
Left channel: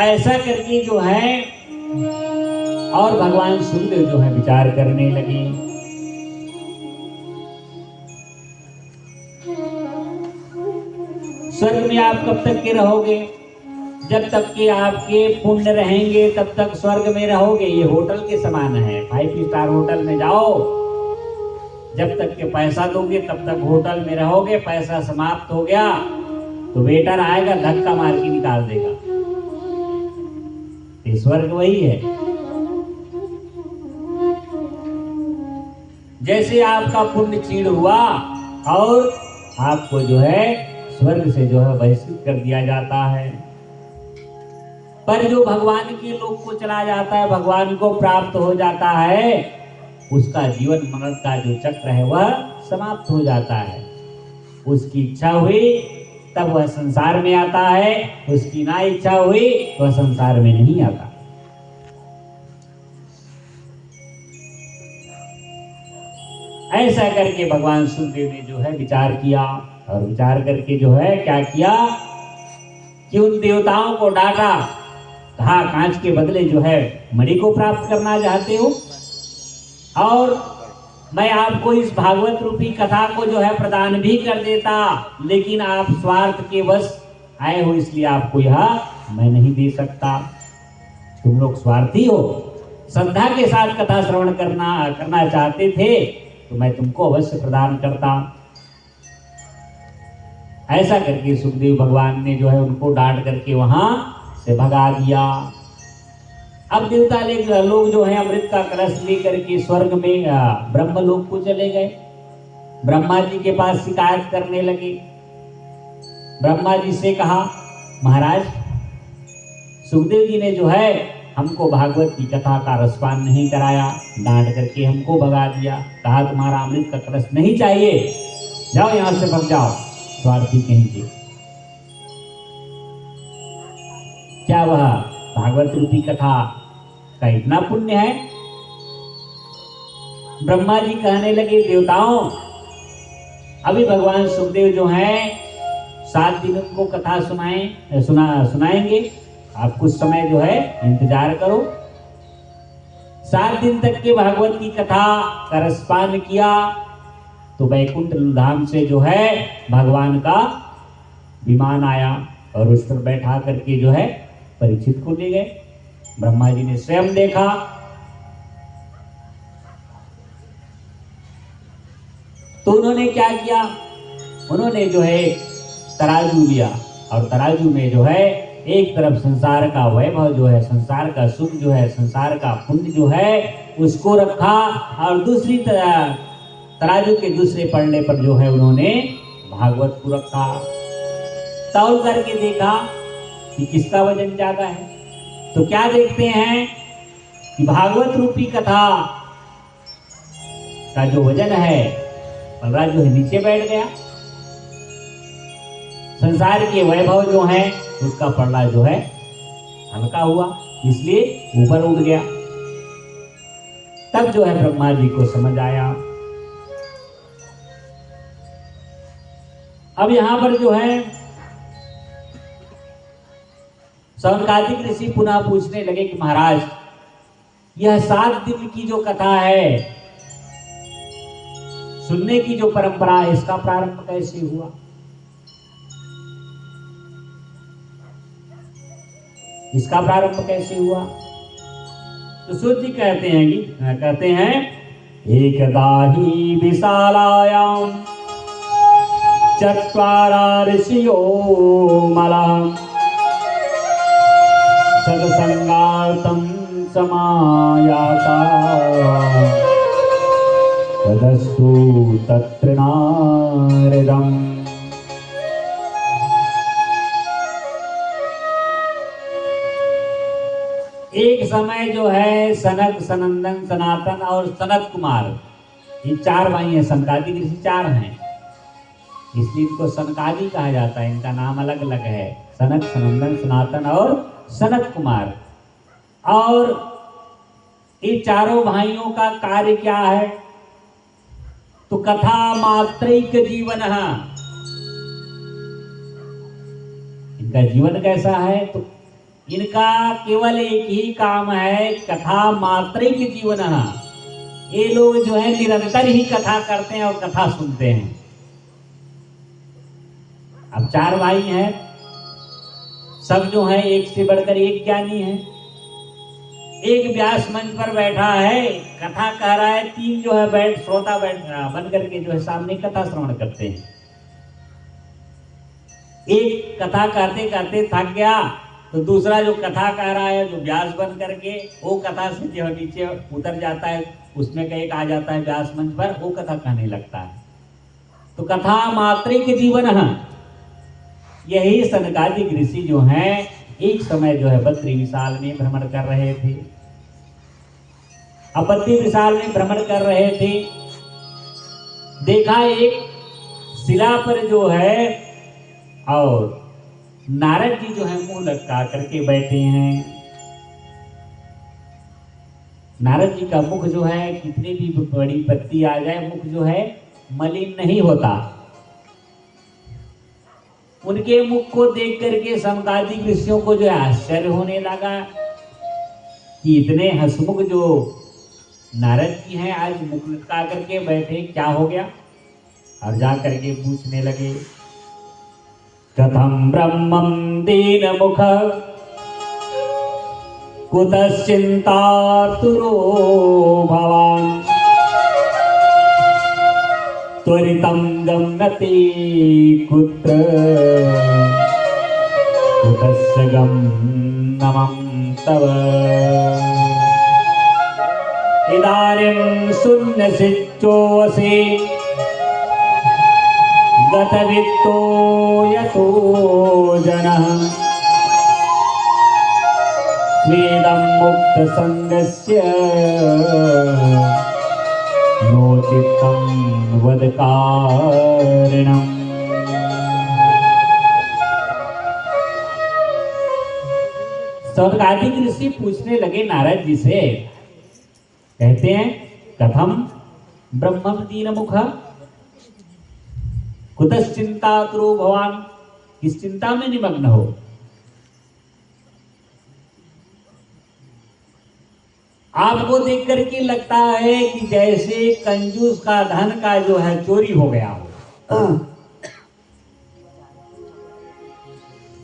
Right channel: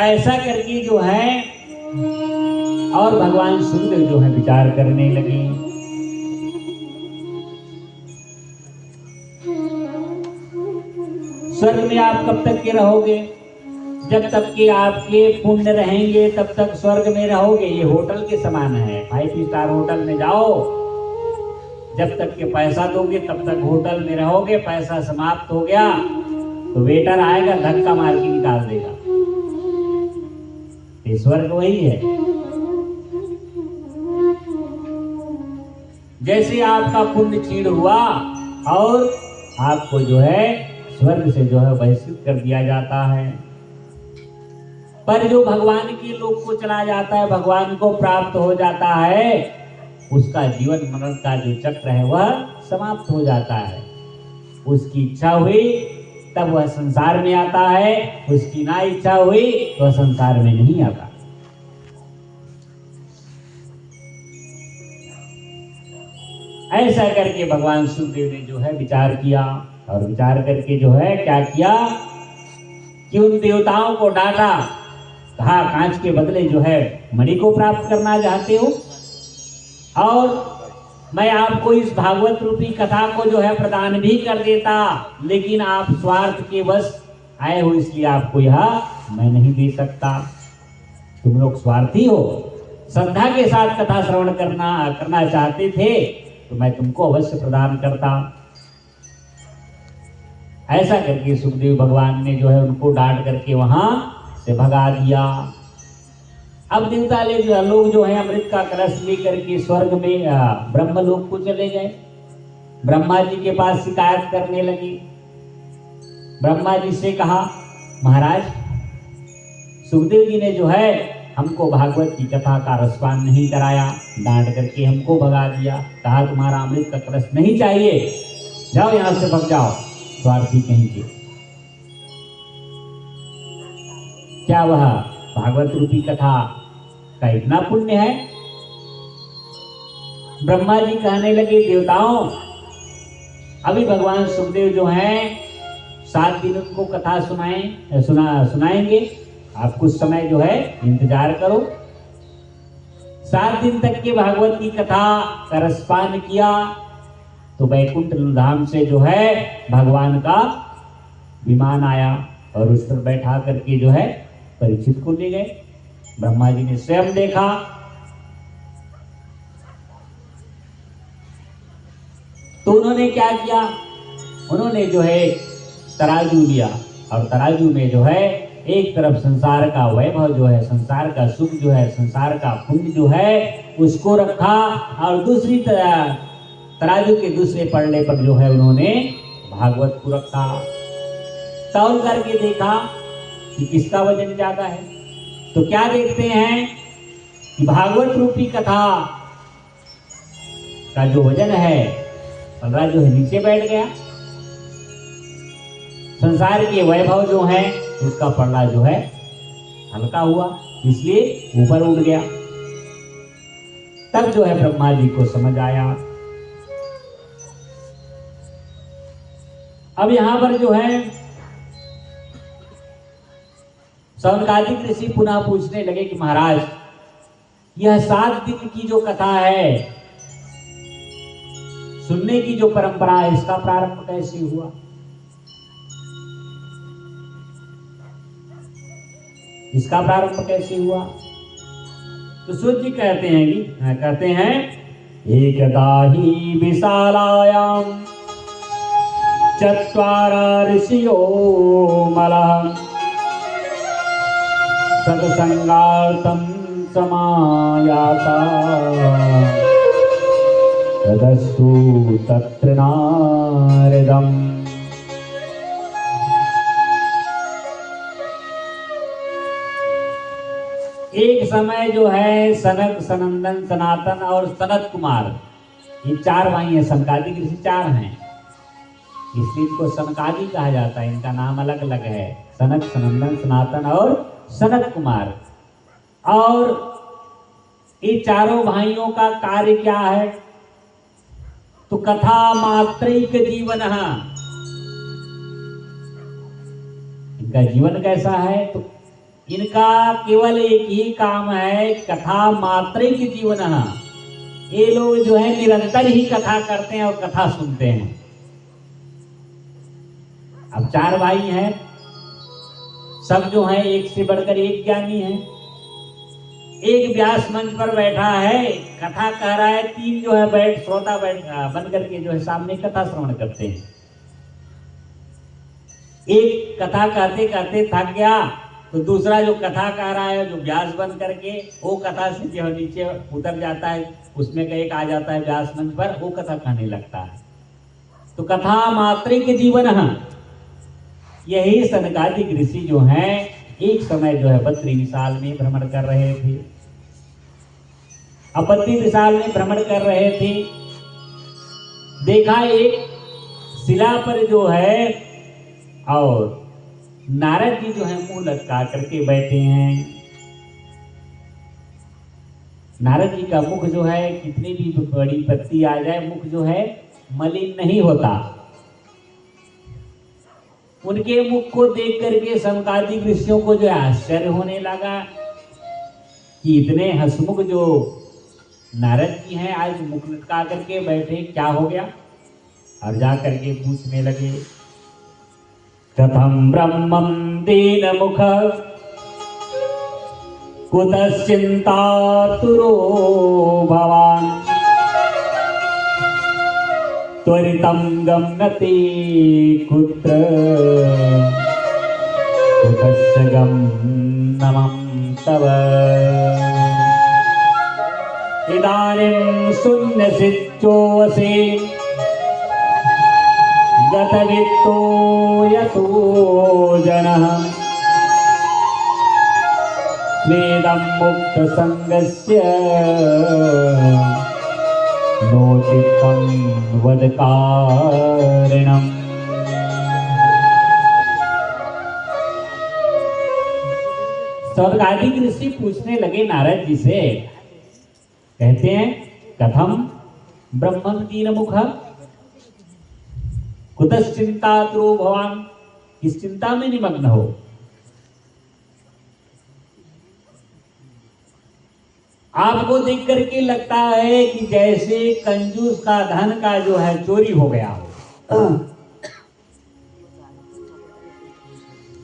ऐसा करके जो है और भगवान सुखदेव जो है विचार करने लगे। स्वर्ग में आप कब तक के रहोगे? जब तक के आपके पुण्य रहेंगे तब तक स्वर्ग में रहोगे। ये होटल के समान है। 5 स्टार होटल में जाओ, जब तक के पैसा दोगे तब तक होटल में रहोगे। पैसा समाप्त हो गया तो वेटर आएगा, धक्का मार के निकाल देगा। ये स्वर्ग वही है। जैसे आपका पुण्य क्षीण हुआ और आपको जो है स्वर्ग से जो है बहिष्कृत कर दिया जाता है। पर जो भगवान के लोक को चला जाता है, भगवान को प्राप्त हो जाता है, उसका जीवन मरण का जो चक्र है वह समाप्त हो जाता है। उसकी इच्छा हुई तब वह संसार में आता है, उसकी ना इच्छा हुई तो वह संसार में नहीं आता। ऐसा करके भगवान सुखदेव ने जो है विचार किया और विचार करके जो है क्या किया कि उन देवताओं को डांटा, कहा कांच के बदले जो है मणि को प्राप्त करना चाहते हो और मैं आपको इस भागवत रूपी कथा को जो है प्रदान भी कर देता, लेकिन आप स्वार्थ के वश आए हो इसलिए आपको यह मैं नहीं दे सकता। तुम लोग स्वार्थी हो, श्रद्धा के साथ कथा श्रवण करना चाहते थे तो मैं तुमको अवश्य प्रदान करता। ऐसा करके सुखदेव भगवान ने जो है उनको डांट करके वहां से भगा दिया। अब देवता लोग जो है अमृत का कलश लेकर के स्वर्ग में ब्रह्मलोक को चले गए। ब्रह्मा जी के पास शिकायत करने लगे। ब्रह्मा जी से कहा, महाराज सुखदेव जी ने जो है हमको भागवत की कथा का रसपान नहीं कराया, डांट करके हमको भगा दिया, कहा तुम्हारा अमृत का कलश नहीं चाहिए, जाओ यहां से भग जाओ, स्वार्थी कहीं के। क्या वह भागवत रूपी कथा का इतना पुण्य है? ब्रह्मा जी कहने लगे, देवताओं अभी भगवान सुखदेव जो हैं 7 दिन उनको कथा सुनाएंगे, आप कुछ समय जो है इंतजार करो। 7 दिन तक के भागवत की कथा का रसपान किया तो वैकुंठ धाम से जो है भगवान का विमान आया और उस पर बैठा करके जो है परीक्षित को ले गए। ब्रह्मा जी ने स्वयं देखा। तो उन्होंने क्या किया, उन्होंने जो है तराजू लिया और तराजू में जो है एक तरफ संसार का वैभव जो है, संसार का सुख जो है, संसार का पुण्य जो है उसको रखा और दूसरी तराजू के दूसरे पड़ने पर जो है उन्होंने भागवत को रखा। तौल करके देखा कि किसका वजन ज्यादा है, तो क्या देखते हैं कि भागवत रूपी कथा का जो वजन है पलरा जो है नीचे बैठ गया, संसार के वैभव जो है उसका पलड़ा जो है हल्का हुआ, इसलिए ऊपर उड़ गया। तब जो है ब्रह्मा जी को समझ आया। अब यहां पर जो है सनकादिक ऋषि पुनः पूछने लगे कि महाराज यह 7 दिन की जो कथा है, सुनने की जो परंपरा है, इसका प्रारंभ कैसे हुआ? इसका प्रारंभ कैसे हुआ? तो सूत जी कहते हैं एकदा ही विशालायाम चत्वारा ऋषियो मलहम सत्संगार्थं समायाता तदस्तु तत्र नारदम्। एक समय जो है सनक, सनंदन, सनातन और सनत कुमार, ये 4 भाई हैं। सनकादिक ऋषि 4 हैं, इसलिए इनको सनकादि कहा जाता है। इनका नाम अलग अलग है, सनक, सनंदन, सनातन और सनत कुमार। और ये चारों भाइयों का कार्य क्या है? तो कथा मात्रैक जीवन। इनका जीवन कैसा है? तो इनका केवल एक ही काम है, कथा मात्रैक जीवन। ये लोग जो है निरंतर ही कथा करते हैं और कथा सुनते हैं। अब 4 भाई हैं, सब जो है एक से बढ़कर एक ज्ञानी है। एक व्यास मंच पर बैठा है, कथा कह रहा है, 3 जो है श्रोता बन करके जो है सामने कथा श्रवण करते हैं। एक कथा कहते कहते थक गया तो दूसरा जो कथा कह रहा है, जो व्यास बन करके वो कथा से जो नीचे उतर जाता है, उसमें का एक आ जाता है व्यास मंच पर, वो कथा कहने लगता है। तो कथा मात्रिक जीवन, यही सनकादिक ऋषि जो हैं एक समय जो है बद्री विशाल में भ्रमण कर रहे थे। अब बद्री विशाल में भ्रमण कर रहे थे, देखा एक शिला पर जो है और नारद जी जो है मुंह लटका करके बैठे हैं। नारद जी का मुख जो है कितनी भी बड़ी पत्ती आ जाए, मुख जो है मलिन नहीं होता। उनके मुख को देख करके सनकादिक ऋषियों को जो है आश्चर्य होने लगा कि इतने हंसमुख जो नारद जी हैं आज मुख लटका करके बैठे, क्या हो गया? और जा करके पूछने लगे, कथम ब्रह्मं दीन मुख कुतश्चिन्तातुरो भवान् त्वरितं गम्यते कुत्र कुतस्य गमनं तव इदानीं शून्यसिद्धोऽसि गतवित्तो यतो जनः वेदं मुक्तसङ्गस्य नो चित्तं वदकारणम्। सनकादिक ऋषि पूछने लगे नारद जी से, कहते हैं कथम ब्रह्मं दीनमुख कुतश्चिन्तातुरो भवान, किस चिंता में निमग्न हो? आपको देख करके लगता है कि जैसे कंजूस का धन का जो है चोरी हो गया हो।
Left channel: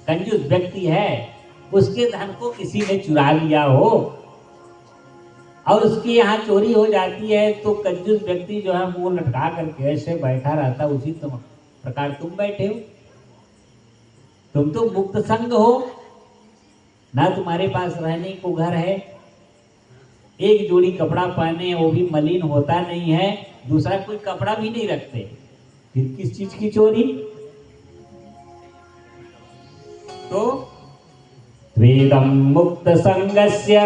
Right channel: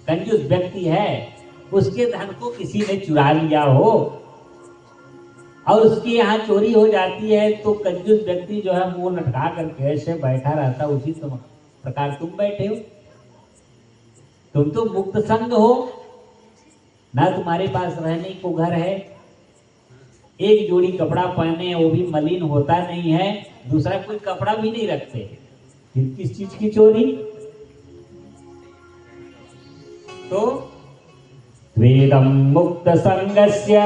कंजूस व्यक्ति है, उसके धन को किसी ने चुरा लिया हो और उसके यहाँ चोरी हो जाती है, तो कंजूस व्यक्ति जो है मुंह लटका करके ऐसे बैठा रहता, उसी प्रकार तुम बैठे हो। तुम तो मुक्त संग हो ना, तुम्हारे पास रहने को घर है, एक जोड़ी कपड़ा पहने वो भी मलिन होता नहीं है, दूसरा कोई कपड़ा भी नहीं रखते, फिर किस चीज की चोरी? तो वेदम मुक्त संगस्य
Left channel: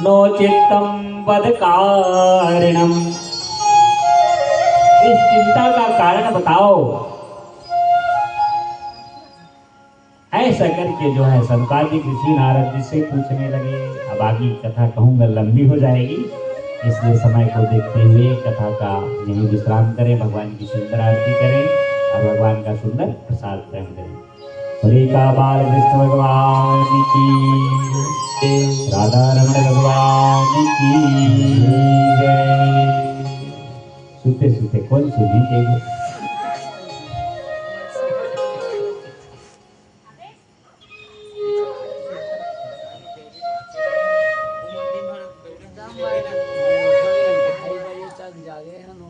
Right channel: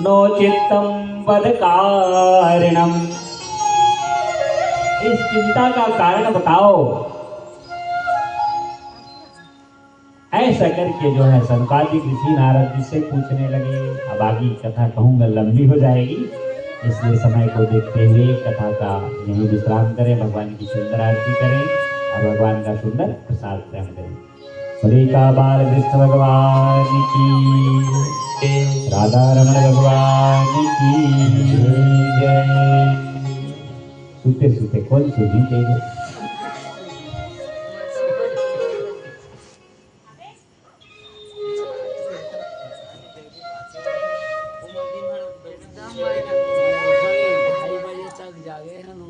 नो चित्तम वदकारणम, इस चिंता का कारण बताओ। ऐसा करके जो है सनकादिक ऋषि नारद जी से पूछने लगे। अब आगे कथा कहूंगा लंबी हो जाएगी, इसलिए समय को देखते हुए कथा का यही विश्राम करें, भगवान की सुंदर आरती करें और भगवान का सुंदर प्रसाद ग्रहण करें। हरे का बाल कृष्ण भगवान की, राधा रमण भगवान की जय। सुते सुते कौन सुधी देगा?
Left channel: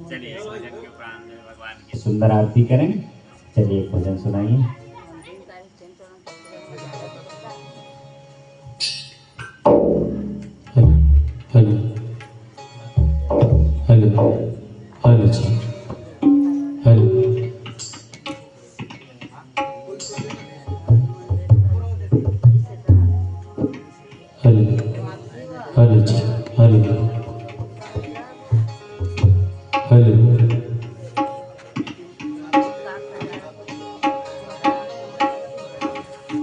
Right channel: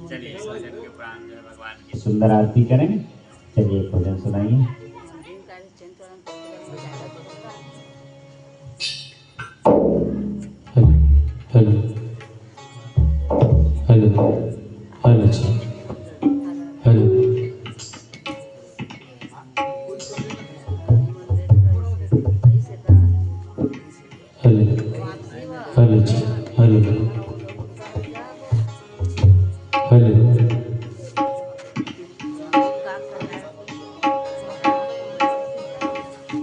चलिए भजन के उपरांत भगवान की सुंदर आरती करें। चलिए भजन सुनाइए। हेलो हेलो हेलो जी, हेलो हेलो हेलो जी, हेलो हेलो।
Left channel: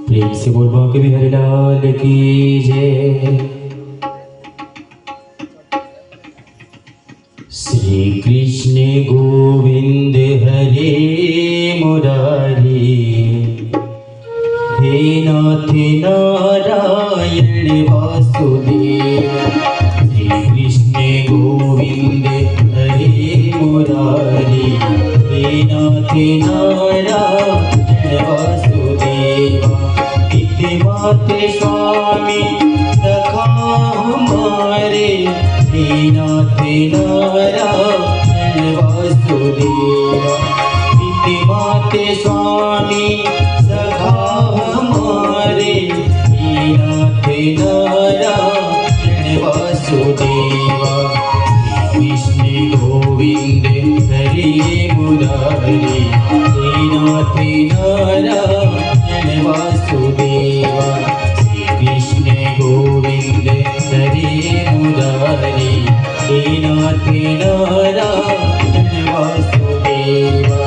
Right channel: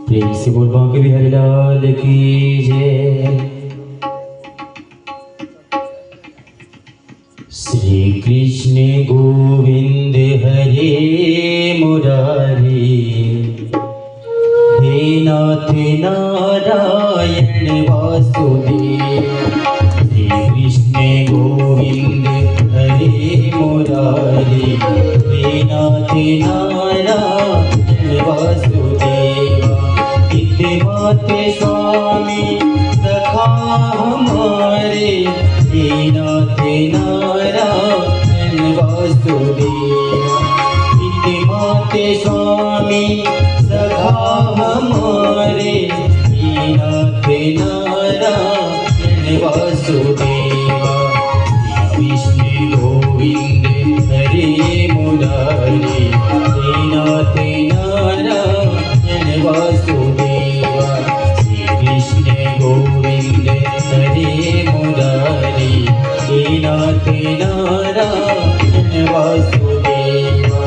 प्रेम से बोलो कि बिहारी लाल की जय। श्री कृष्ण गोविंद हरे मुरारी, हे नाथ नारायण वासुदेव। श्री कृष्ण गोविंद हरे मुरारी, हे नाथ नारायण वासुदेवा। हितवाते स्वामी सखा हमारे, हे नाथ नारायण वासुदेवा। हितवाते स्वामी सखा हमारे, नारायण वासुदेवा कृष्ण गोविंद हरे मुरारी हे नाथ नारायण वासुदेवा श्री कृष्ण गोविंद हरे मुरारी हे नाथ नारायण वासुदेवा।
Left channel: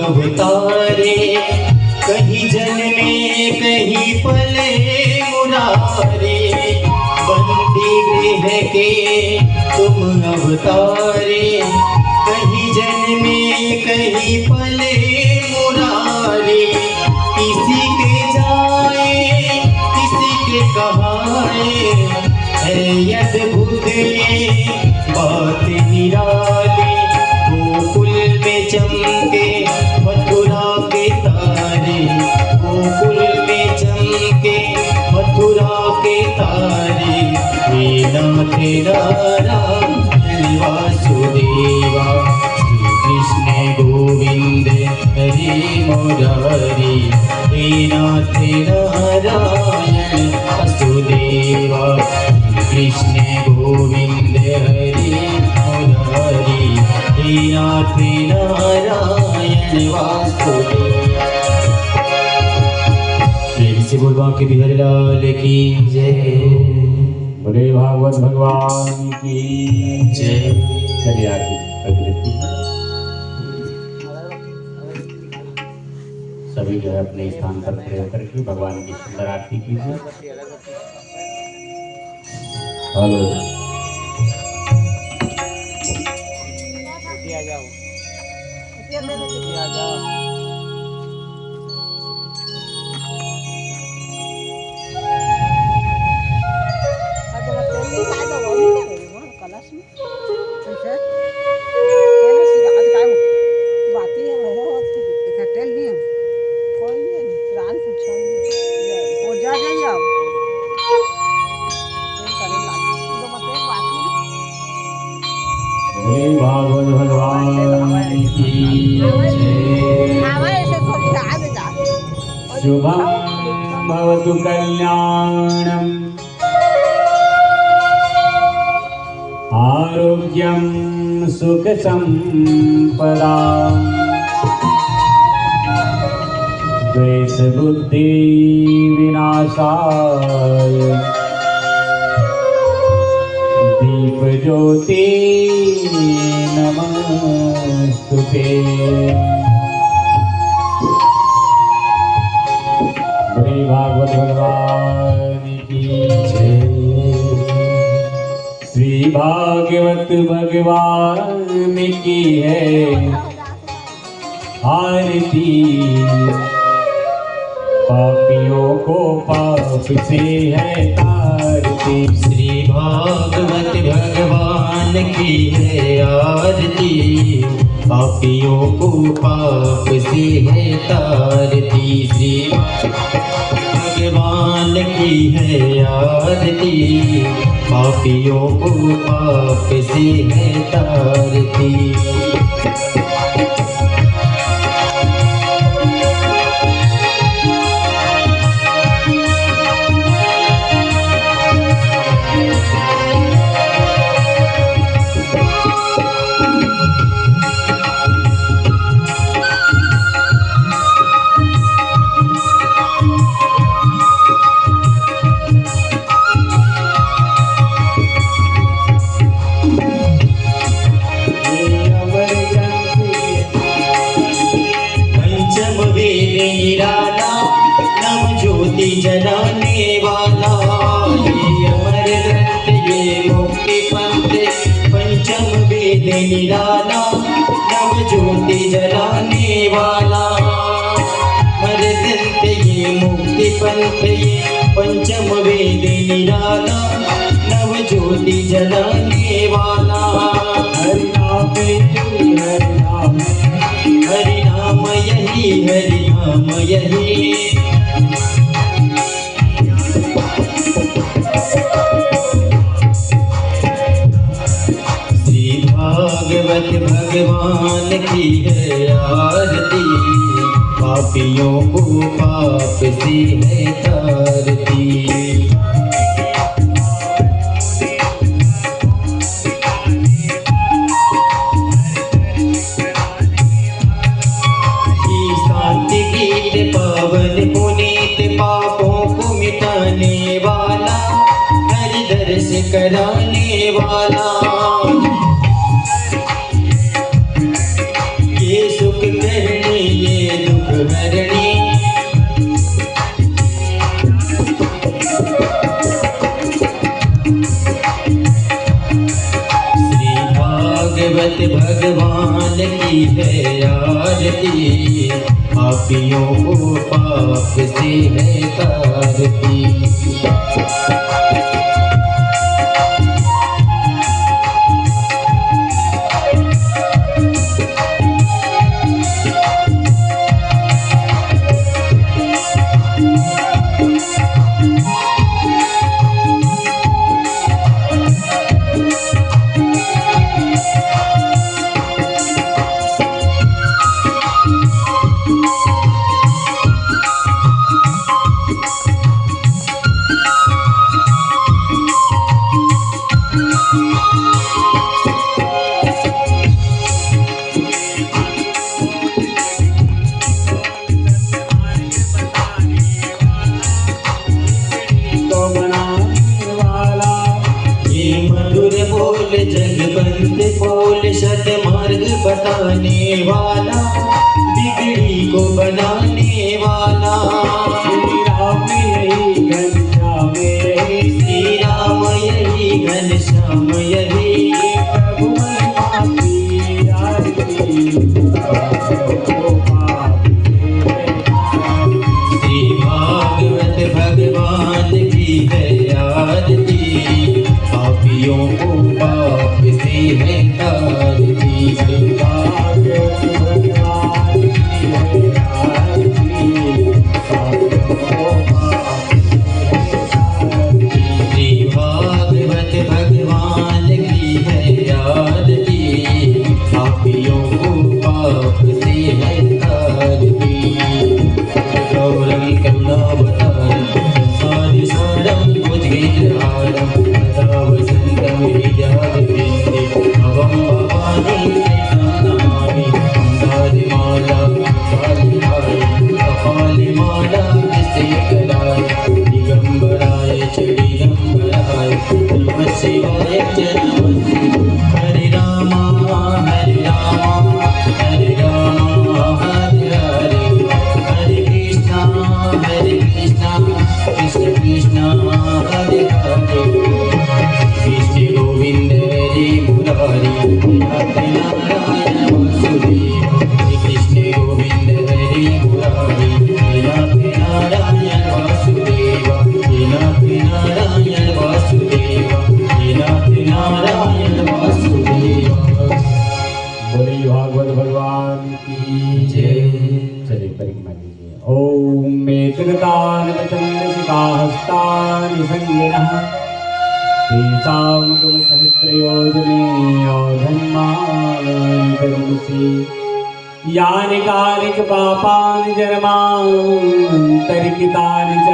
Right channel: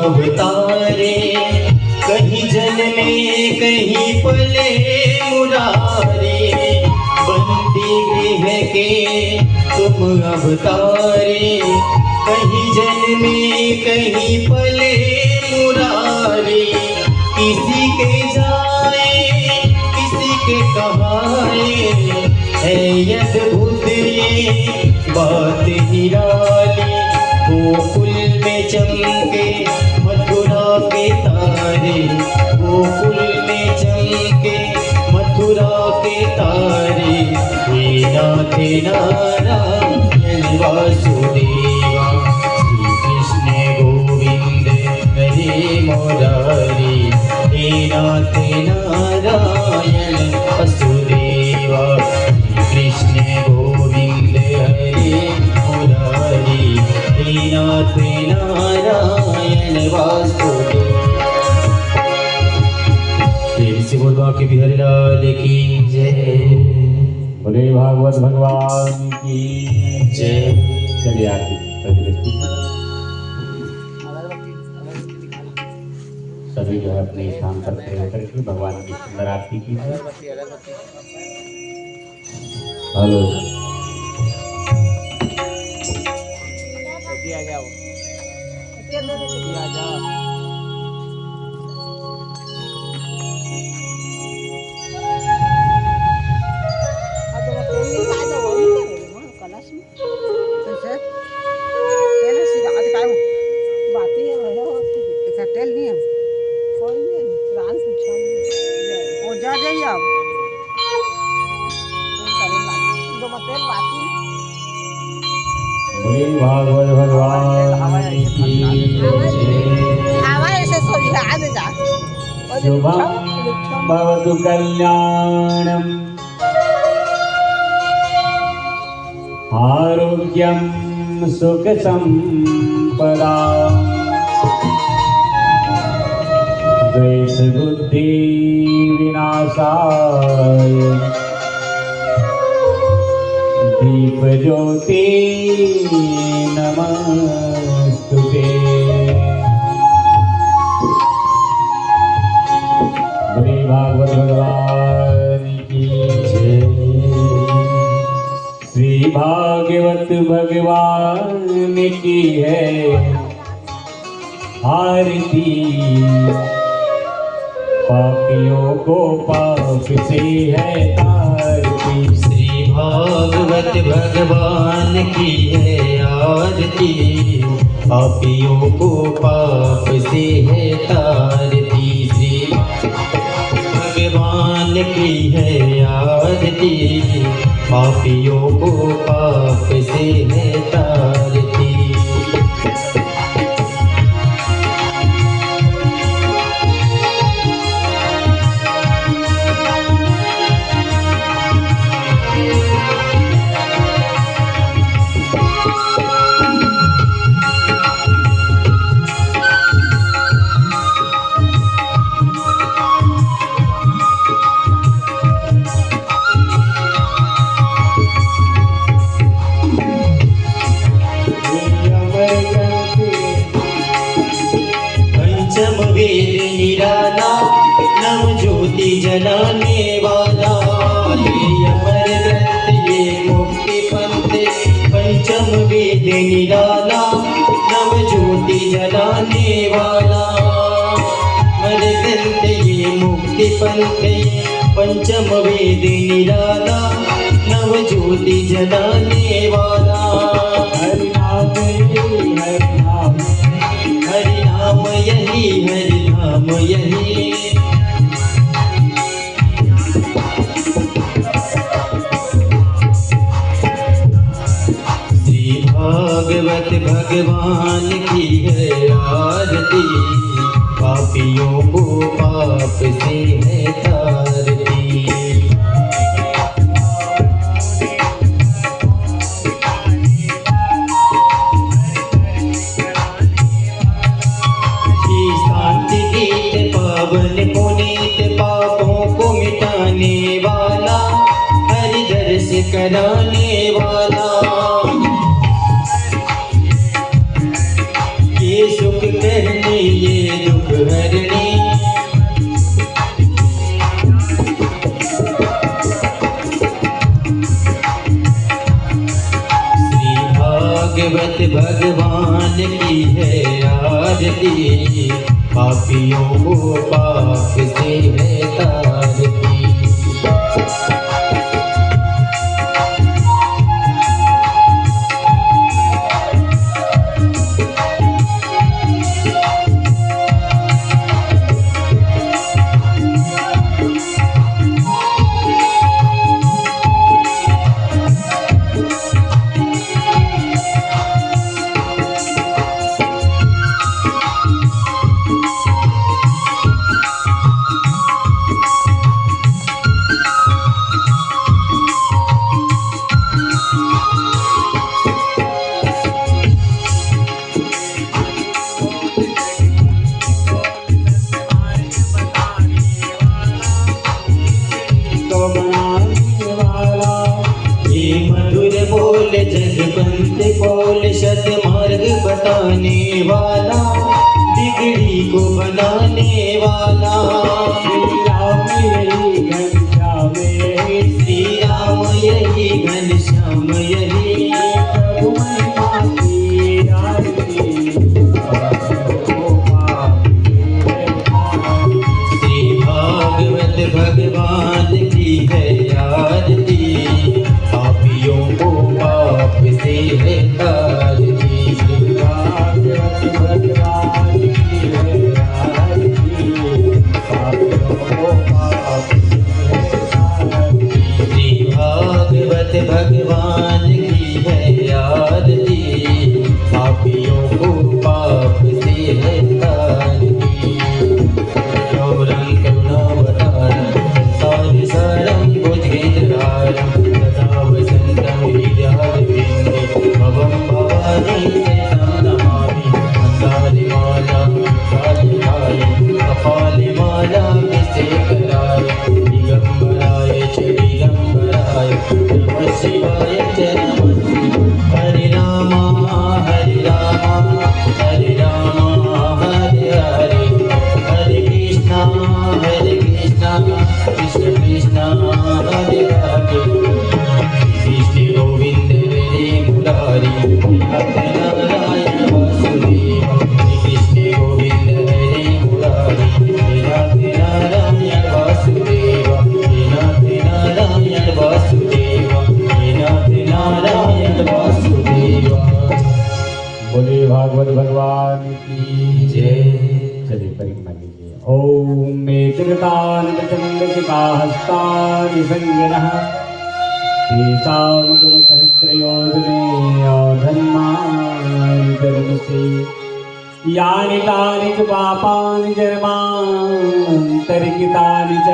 अवतारे कहीं जल में कहीं पले मुरारे बंदी गृह के तुम अवतारे कहीं जल में कहीं पले मुरारे किसी के जाए किसी के कहाए है अद्भुत ये बात निराली गोकुल में चमके मथुरा के तारे गोकुल में चमके मथुरा के तारे हे नाथ नारायण वासुदेवा श्री कृष्ण गोविंद हरे मुरारी हे नाथ नारायण वासुदेवा श्री कृष्ण गोविंद हरे मुरारी हे नाथ नारायण वासुदेव। प्रेम से बोल बांके बिहारी लाल की जय। बोले भागवत भगवान की जय। चलिए आरती अभिव्यक्ति सभी जो है अपने स्थान पर खड़े होकर के भगवान की सुंदर आरती कीजिए। हेलो भागवत भगवान की शुभं भवतु कल्याणम् आरोग्यं सुख संपदा द्वेष बुद्धि विनाशाय दीप ज्योति नमस्तुते। भागवत भगवान की जय। श्री भागवत भगवान की है आरती पापियों को पाप से है तारती। श्री भागवत भगवान की है आरती पापियों को पाप से है तारती। श्री भगवान की है आरती पापियों को पाप से है तारती। जलाने वाला ये अमर ग्रंथ ये मुक्ति पंथ पंचम वेद निराला नव ज्योति जलाने वाला अमर ग्रंथ ये मुक्ति पंथ ये पंचम वेद निराला नव ज्योति जलाने वाला। हरि नाम यही, हरि नाम हरि नाम यही, हरि नाम यही। श्री भागवत भगवान की है आरती, पापियों को पाप से है तारती। शांति गीत पावन पुनीत पापों को मिटाने वाला, हरि दर्श कराने वाला। ये सुख करनी ये दुख हरणी, श्री भागवत भगवान की है आरती, पापियों को पाप से है तारती। बताने वाला, बिगड़ी को बनाने वाला। श्री राम यही घनश्याम यही, श्री राम यही घनश्याम यही। प्रभु महिमा की आरती, श्री भागवत भगवान की है आरती, पापियों को पाप से है तारती। भगवान की है आरती, पापियों को पाप से है तारती। गौरम करुणावतारम संसार सारम भुजगेन्द्रहारम सदा वसंतम हृदयारविन्दे भवं भवानी शरणं नमामि। कुण्डालिमाला कालिहाय कपालिमाला विशेखराय दिगंबराय च दिगंबराय नमः शिवाय च नमः शिवाय। हरे राम हरे राम हरे राम हरे हरे, हरे कृष्णा कृष्ण कृष्ण हरे हरे। कृष्ण गोविंद हरे मुरारी, नाथ नारायण वासुदेव। कृष्ण गोविंद हरे मुरारी, नाथ नारायण वासुदेव। नाथ नारायण वासुदेव, नाथ नारायण वासुदेव। बोले भागवत भगवान की जय। चलिए परिक्रमा कीजिए। ओम एकगतान हस्तानि संगिनः तेषां गुणसहस्रयोजने औधन्मानि जन्मसि यानि कानि च पापानि जन्मान्तरितानि च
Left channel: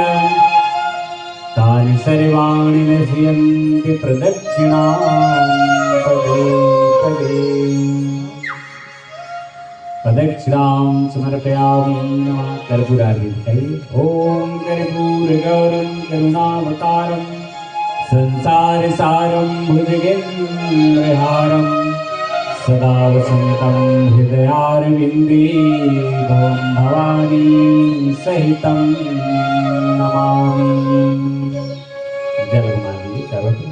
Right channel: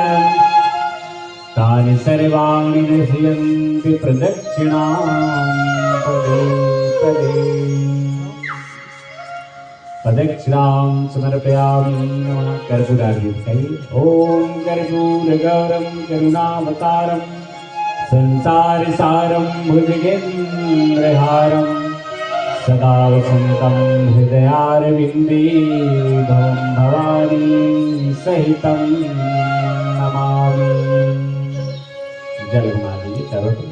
तानि सर्वाणि नश्यन्ति प्रदक्षिणां पदे पदे। प्रदक्षिणां समर्पयामि नमः। कर्पूरार्घ्य दिखाइए। ओम कर्पूरगौरं करुणावतारं संसारसारं भुजगेन्द्रहारं सदा वसन्तं हृदयारविन्दे भवं भवानी सहितं नमामि। जल घुमाइए चारों तरफ।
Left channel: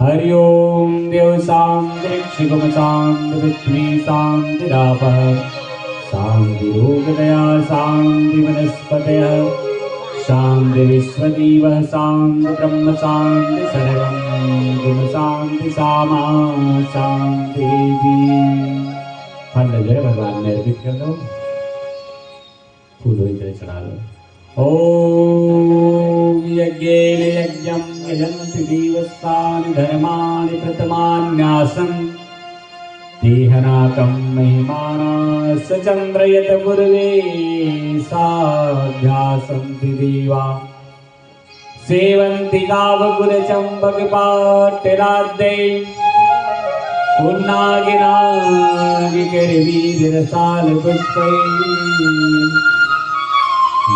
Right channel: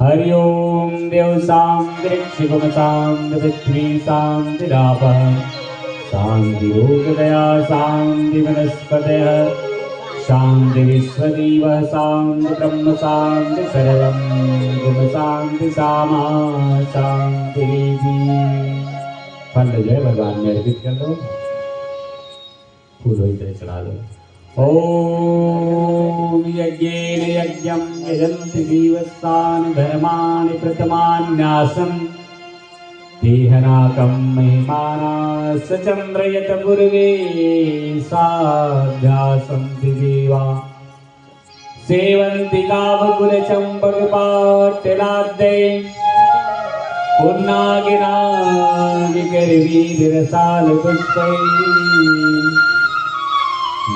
हरि ओम देव शांति शिवम शांति पृथ्वी शांतिरापः शांति योग दया शांति वनस्पतयः शांति विश्वदेवः शांति ब्रह्म शांति सर्वं गुण शांति सामा शांति फल जो है भगवान में अर्पित कर दो, फूल इधर चढ़ा दो। ओम यज्ञेन यज्ञं यजन्ति देवस्तानि धर्माणि प्रथमान्यासन् देहनाकं महिमाना सचन्द्रयत पूर्वे साध्यासन्ति देवा सेवन्ति गावकुलचम्पकपाटलाद्यै पुन्नागिनागिकरवीरसालपुष्पैः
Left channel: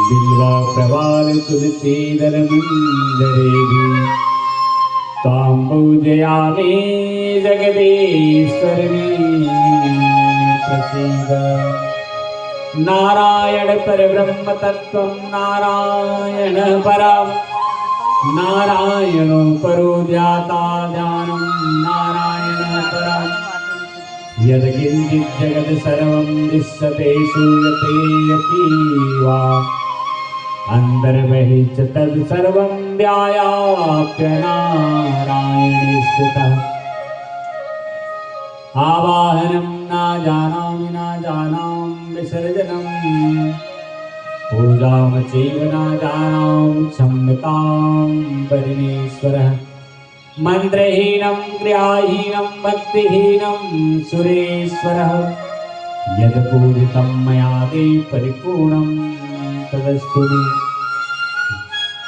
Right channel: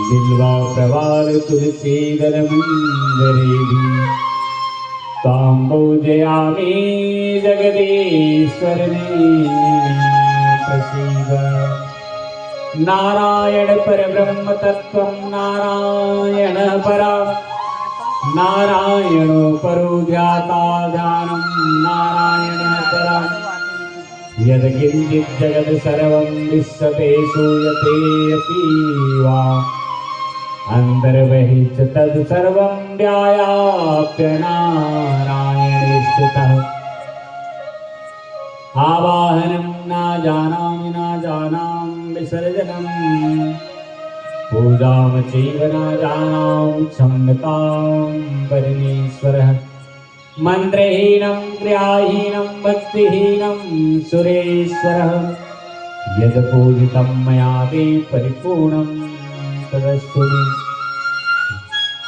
बिल्वा प्रवाल तुलसीदलमञ्जरेभिः तां पूजयामि जगदीश्वरने प्रसीद। नारायण परब्रह्म तत्त्वं नारायण परा नारायणो परो ध्याता ध्यानं नारायण परा यत्किञ्चित् जगत् सर्वं विश्वते श्रूयते अपि वा अन्तर्बहिः च तद् सर्वं व्याप्य नारायणे स्थितः। आवाहनं न जानामि न जानामि विसर्जनं पूजां चैव न जानामि क्षम्यतां परमेश्वरः। मन्त्रहीनं क्रियाहीनं भक्तिहीनं सुरेश्वरः यद् पूजितं मया ते परिपूर्णं तदस्तु मे।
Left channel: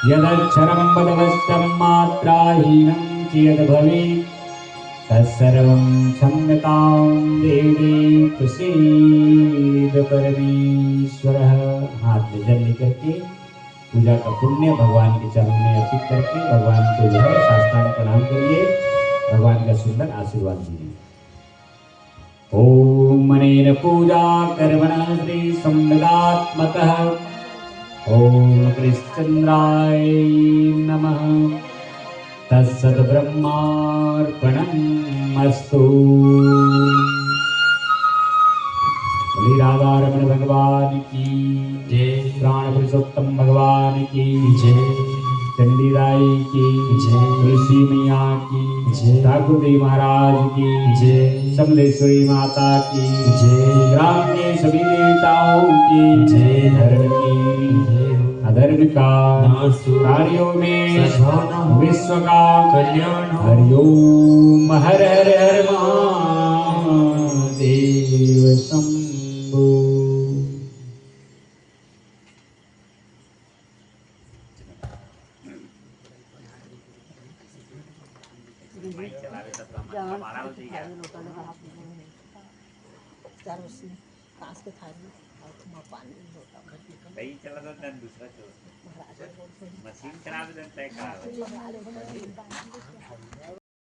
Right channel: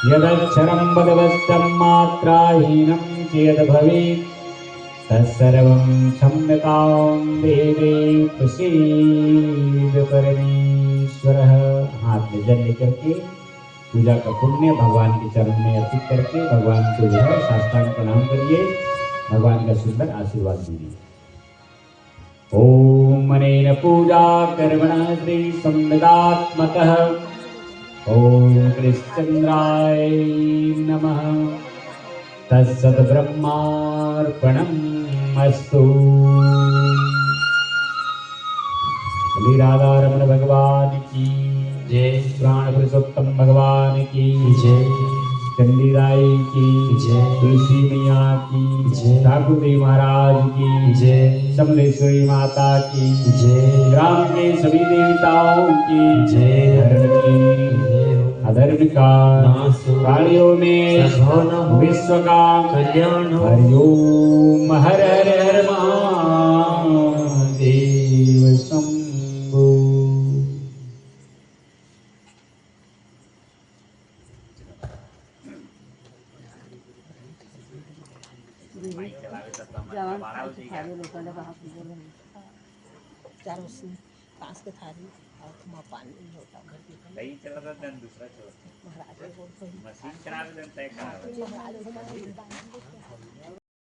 यदक्षरं पदवस्तं मात्राहीनं चेद् भवेत् तत्सर्वं क्षम्यतां देवे प्रसीद परमेश्वरः। हाथ में जल लेकर के पूजा का पुण्य भगवान के चरण में अर्पित करके भगवान को जो है साष्टांग प्रणाम करिए, भगवान का सुंदर आशीर्वाद दीजिए। ओम अनेन पूजा कर्मणः श्री संविदात्मकः ओम कृष्णचंद्राय नमः। तत्सत् ब्रह्मार्पणमस्तु। श्री राधा रमण भगवान की जय, प्राण पुरुषोत्तम भगवान की जय, चंडीदाई की जय, तुलसी मैया की जय, ठाकुर देव महाराज की जय, समलेश्वरी माता की जय, ग्राम के सभी देवताओं की जय, धर्म की जय हो। अधर्म का नाश हो, प्राणियों में सद्भावना हो, विश्व का कल्याण हो। हरिओम हर हर हर महादेव शंभो। दूसरा मशीन खराब है, तय खराब है।